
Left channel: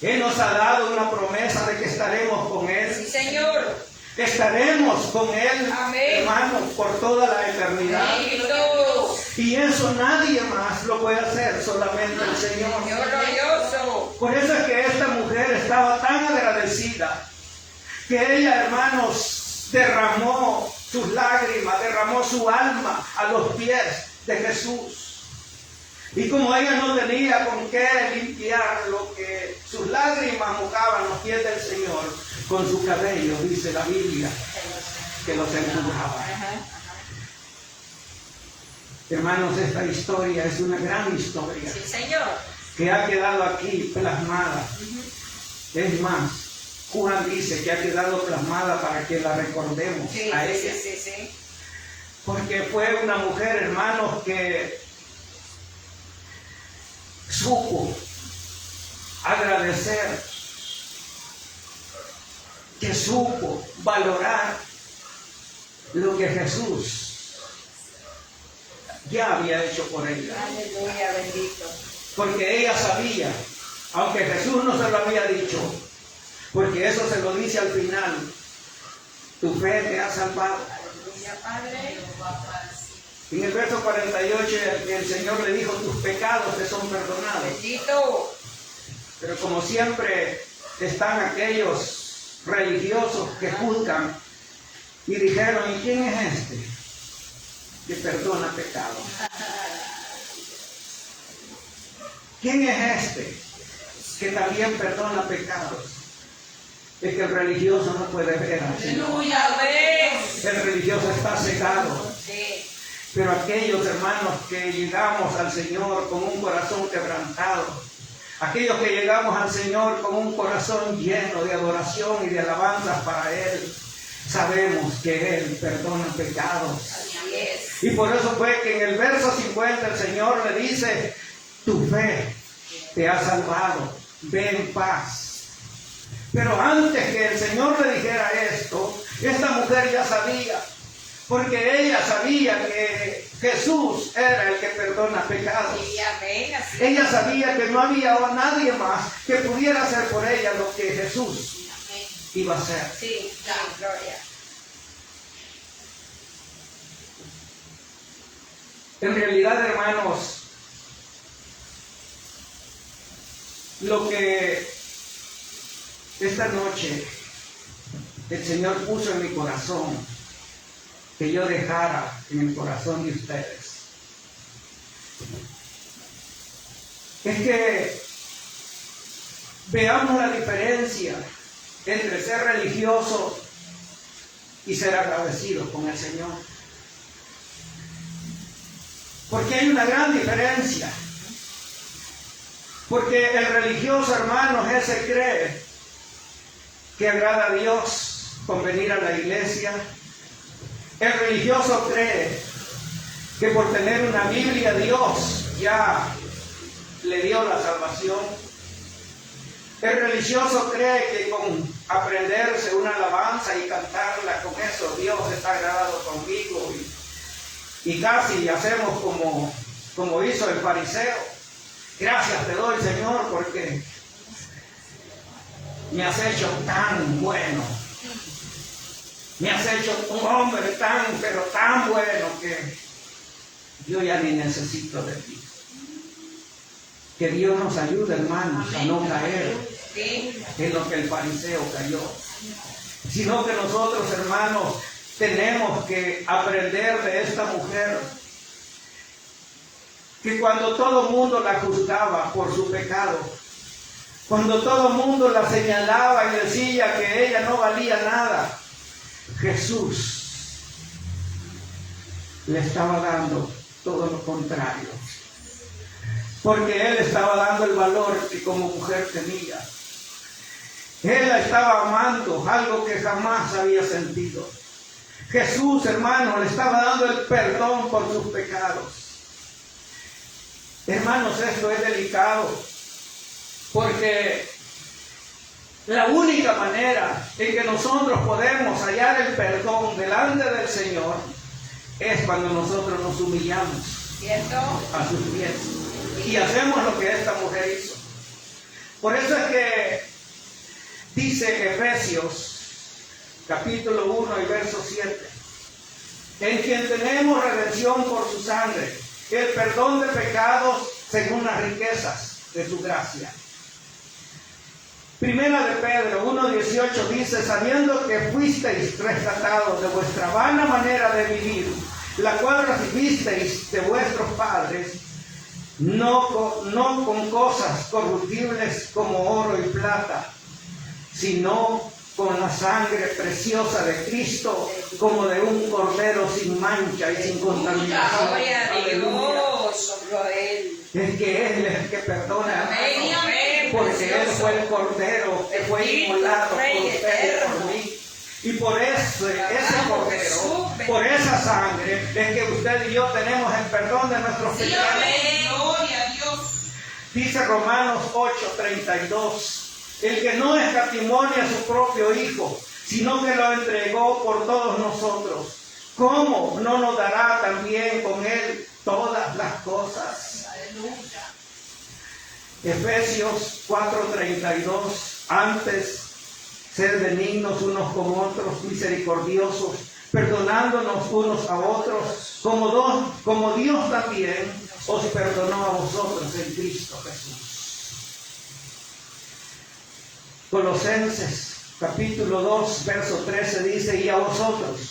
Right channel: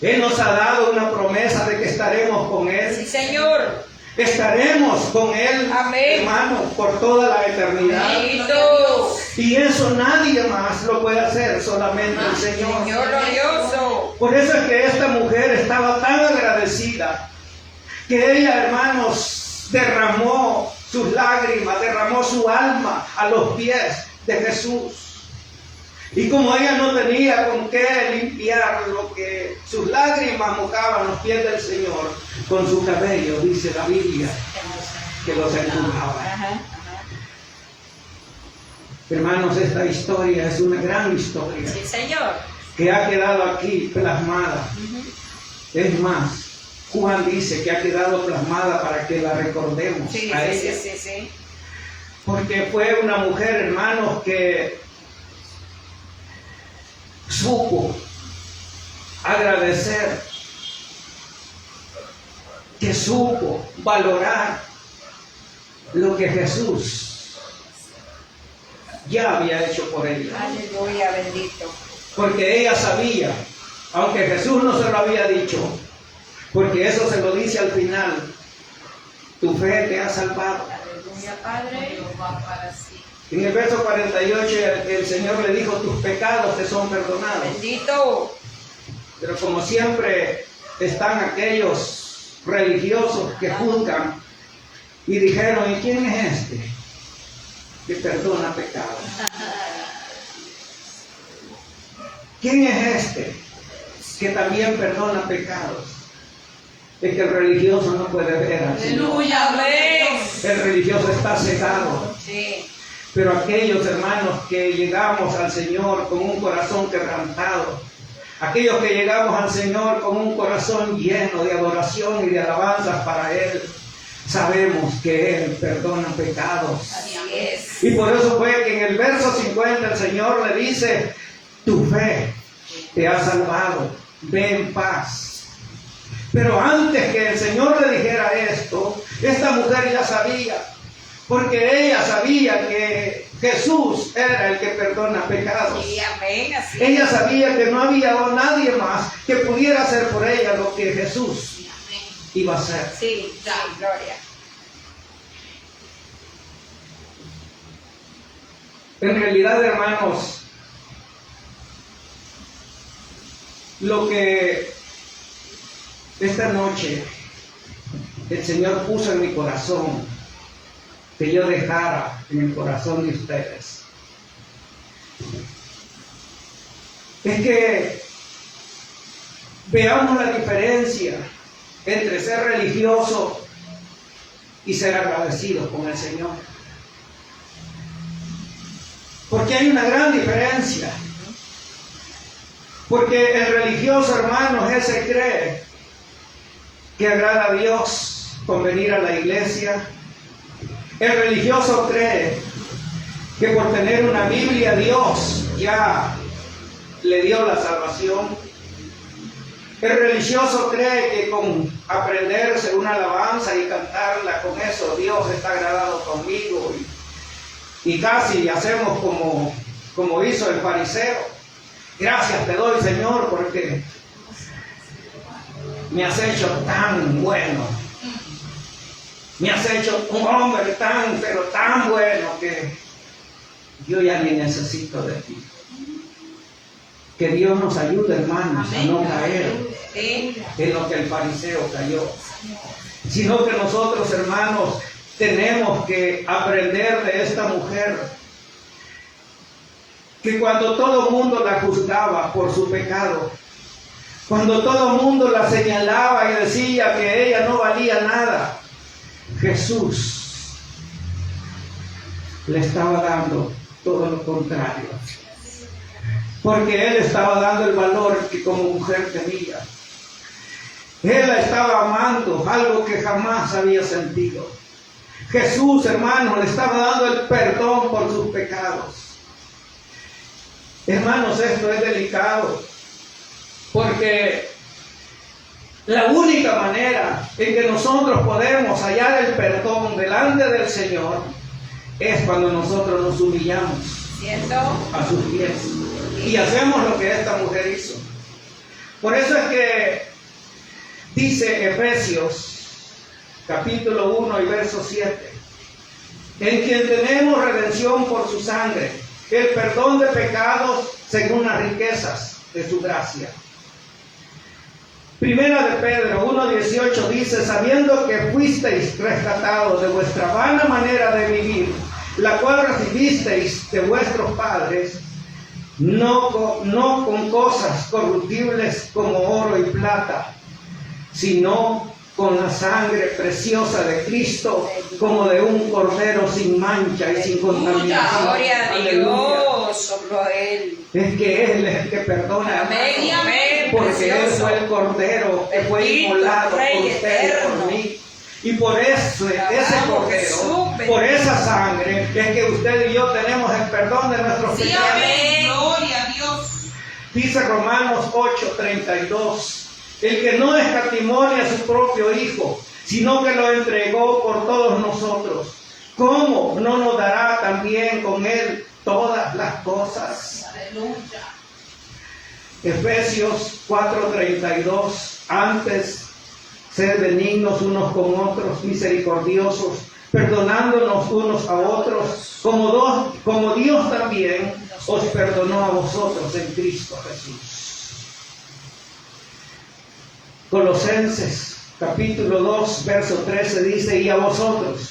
Él nos ha dado una promesa de que estaremos con Él. Sí, Señor. Estaremos con Él, amén, hermanos, por toda la eternidad. Bendito. Y eso nadie más lo puede hacer, solamente el Señor. Señor glorioso. Por eso es que esta mujer estaba tan agradecida que ella, hermanos, derramó sus lágrimas, derramó su alma a los pies de Jesús. Y como ella no tenía con qué limpiar lo que sus lágrimas mojaban los pies del Señor, con su cabello, dice la Biblia, que los enjugaba. Hermanos, esta historia es una gran historia. Sí, Señor. Que ha quedado aquí plasmada. Es más, Juan dice que ha quedado plasmada para que la recordemos a ella. Sí. Porque fue una mujer, hermanos, que supo agradecer, que supo valorar lo que Jesús ya había hecho por ella. Aleluya, bendito. Porque ella sabía, aunque Jesús no se lo había dicho, porque eso se lo dice al final, tu fe te ha salvado. Aleluya, Padre. En el verso 48 el Señor le dijo, tus pecados te son perdonados. Bendito. Pero como siempre están aquellos religiosos que juzgan y dijeron, ¿y quién es este que perdona pecados? ¿Quién es este que también perdona pecados? Es que el religioso no puede ver así. Aleluya, amén. El religioso está cegado. Sí. Pero aquellos hermanos que llegamos al Señor con un corazón quebrantado, aquellos que llegamos al Señor con un corazón lleno de adoración y de alabanza para Él, sabemos que Él perdona pecados. Así es. Y por eso fue que en el verso 50 el Señor le dice, tu fe te ha salvado, ve en paz. Pero antes que el Señor le dijera esto, esta mujer ya sabía, porque ella sabía que Jesús era el que perdona pecados. Sí, amén. Así Ella sabía que no había nadie más que pudiera hacer por ella lo que Jesús iba a hacer. sí, gloria. En realidad, hermanos, lo que esta noche el Señor puso en mi corazón, que yo dejara en el corazón de ustedes, es que veamos la diferencia entre ser religioso y ser agradecido con el Señor. Porque hay una gran diferencia. Porque el religioso, hermanos, ese cree que agrada a Dios con venir a la iglesia. El religioso cree que por tener una Biblia Dios ya le dio la salvación. El religioso cree que con aprenderse una alabanza y cantarla, con eso Dios está agradado conmigo. Y casi hacemos como hizo el fariseo. Gracias te doy, Señor, porque me has hecho tan bueno. Me has hecho un hombre pero tan bueno que yo ya ni necesito de ti. Que Dios nos ayude, hermanos, a no caer en lo que el fariseo cayó. Sino que nosotros, hermanos, tenemos que aprender de esta mujer que cuando todo el mundo la juzgaba por su pecado, cuando todo el mundo la señalaba y decía que ella no valía nada, Jesús le estaba dando todo lo contrario. Porque Él estaba dando el valor que como mujer tenía. Él la estaba amando, algo que jamás había sentido. Jesús, hermano, le estaba dando el perdón por sus pecados. Hermanos, esto es delicado, porque la única manera en que nosotros podemos hallar el perdón delante del Señor es cuando nosotros nos humillamos, ¿cierto?, a sus pies y hacemos lo que esta mujer hizo. Por eso es que dice Efesios capítulo 1 y verso 7, en quien tenemos redención por su sangre, el perdón de pecados según las riquezas de su gracia. Primera de Pedro 1:18 dice, sabiendo que fuisteis rescatados de vuestra vana manera de vivir, la cual recibisteis de vuestros padres, no con cosas corruptibles como oro y plata, sino con la sangre preciosa de Cristo, como de un cordero sin mancha y sin contaminación. Gloria a Dios, sobre Él. Es que Él es el que perdona. Amén, amén, porque Él precioso. fue el cordero que fue inmolado por usted y por mí. Y por ese cordero, por esa sangre, es que usted y yo tenemos el perdón de nuestros Sí, pecados. amén. Gloria a Dios. Dice Romanos 8:32. El que no escatimonia a su propio Hijo, sino que lo entregó por todos nosotros, ¿cómo no nos dará también con Él todas las cosas? Aleluya. Efesios 4:32. Antes, sed benignos unos con otros, misericordiosos, perdonándonos unos a otros, como Dios también os perdonó a vosotros en Cristo Jesús. Colosenses capítulo 2 verso 13 dice, y a vosotros,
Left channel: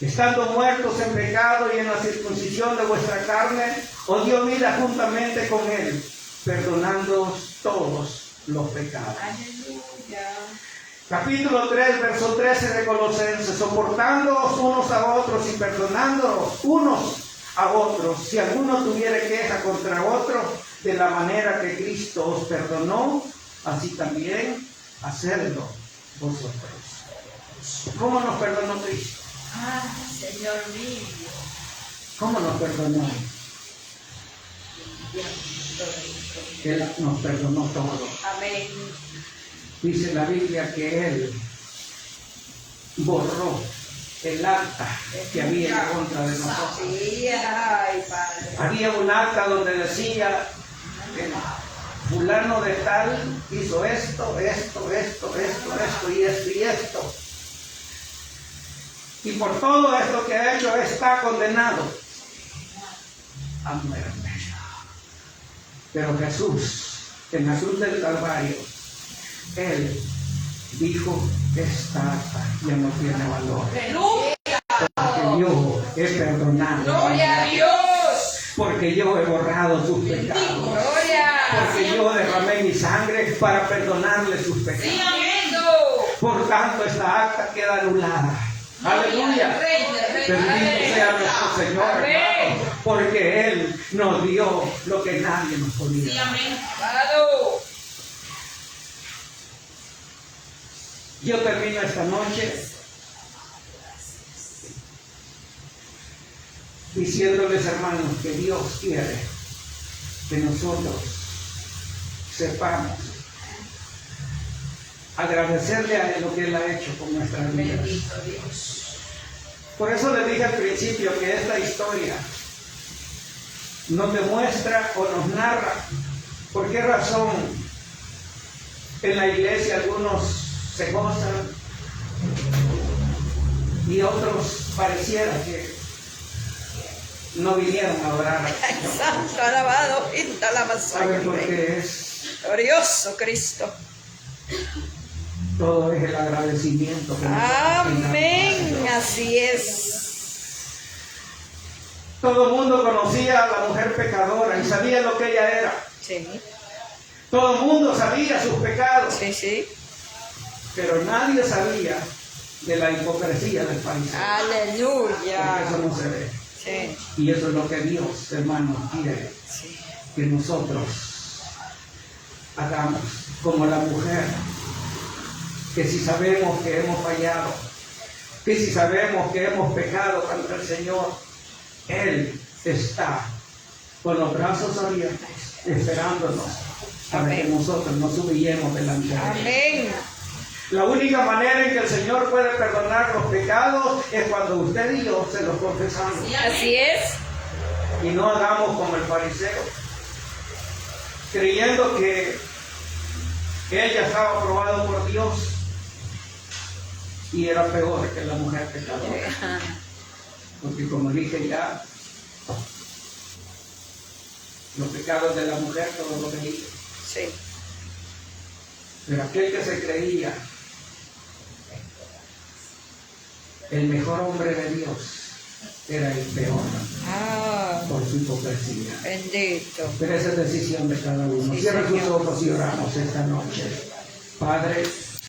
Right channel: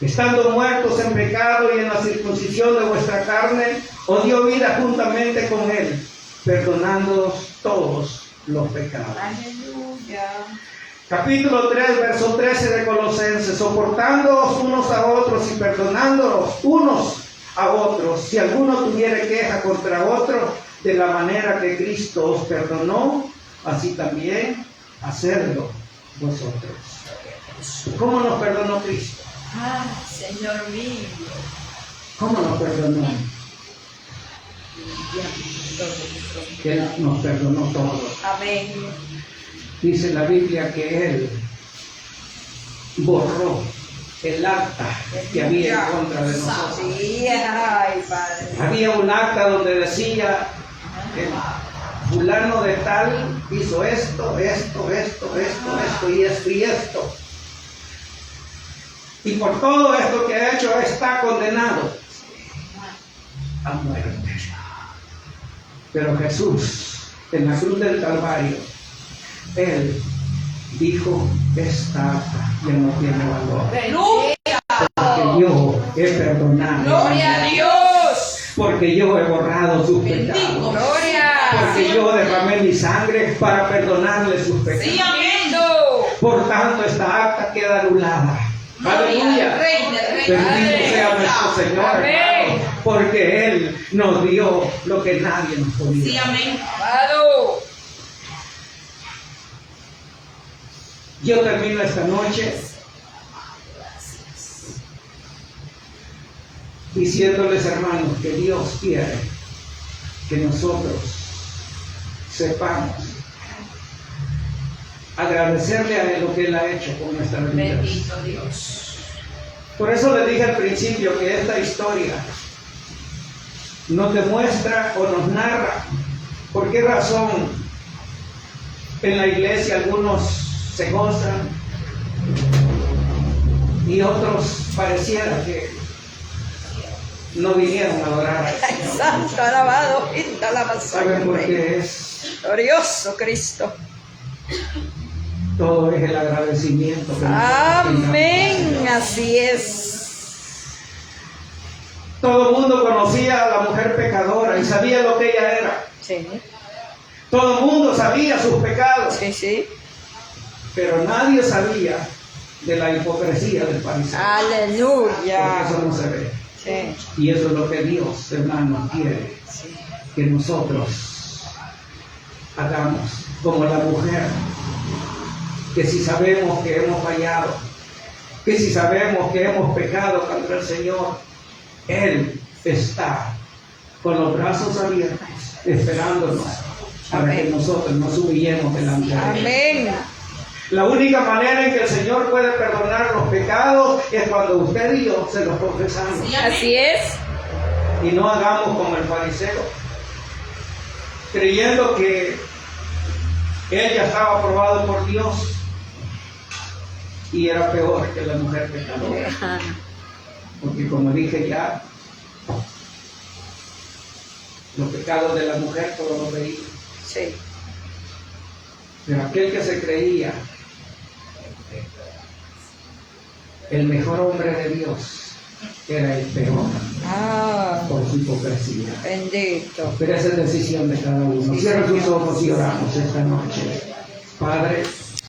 estando muertos en pecado y en la circuncisión de vuestra carne, os dio vida juntamente con Él, perdonándoos todos los pecados. Aleluya. Capítulo 3 verso 13 de Colosenses, soportándoos unos a otros y perdonándoos unos a otros, si alguno tuviere queja contra otro, de la manera que Cristo os perdonó, así también hacerlo vosotros. ¿Cómo nos perdonó Cristo? Ah, Señor mío. ¿Cómo nos perdonó? Que Él nos perdonó todo. Amén. Dice la Biblia que Él borró el acta que había en contra de nosotros. Sí, ay, Padre. Había un acta donde decía que fulano de tal hizo esto y esto. Y por todo esto que ha hecho está condenado a muerte. Pero Jesús, en la cruz del Calvario, Él dijo, esta acta ya no tiene valor. Aleluya. Porque yo he perdonado. Gloria a Dios. Porque yo he borrado sus pecados. Gloria. Porque yo derramé mi sangre para perdonarle sus pecados. Sí, amén. Por tanto, esta acta queda anulada. Aleluya. Rey de reyes. Bendito sea nuestro Señor, Amén. hermano, porque Él nos dio lo que nadie nos podía Sí, dar. amén. Amado. Yo termino esta noche diciéndoles, hermanos, que Dios quiere que nosotros sepamos agradecerle a Él lo que Él ha hecho con nuestra vida. Bendito Dios. Por eso les dije al principio que esta historia nos demuestra o nos narra por qué razón en la iglesia algunos se gozan y otros pareciera que no vinieron a adorar. Santo, alabado, pinta la ¿Saben por qué es? Glorioso Cristo. Todo es el agradecimiento. Que Amén. Así es. todo el mundo conocía a la mujer pecadora y sabía lo que ella era. Sí. Todo el mundo sabía sus pecados, Sí, sí. pero nadie sabía de la hipocresía del fariseo. Porque Aleluya. eso no se ve. Sí. Y eso es lo que Dios, hermano, quiere Sí. que nosotros hagamos como la mujer, que si sabemos que hemos fallado, que si sabemos que hemos pecado contra el Señor, Él está con los brazos abiertos, esperándonos para que Amén. nosotros nos humillemos delante de Él. Amén. La única manera en que el Señor puede perdonar los pecados es cuando usted y yo se los confesamos. Así es. Y no hagamos como el fariseo, creyendo que él ya estaba aprobado por Dios y era peor que la mujer pecadora. Porque como dije ya, los pecados de la mujer todos los veía. Sí. Pero aquel que se creía el mejor hombre de Dios era el peor Ah, por su hipocresía. bendito. Pero esa es decisión de cada uno. Cierra tus ojos y oramos esta noche. Padre,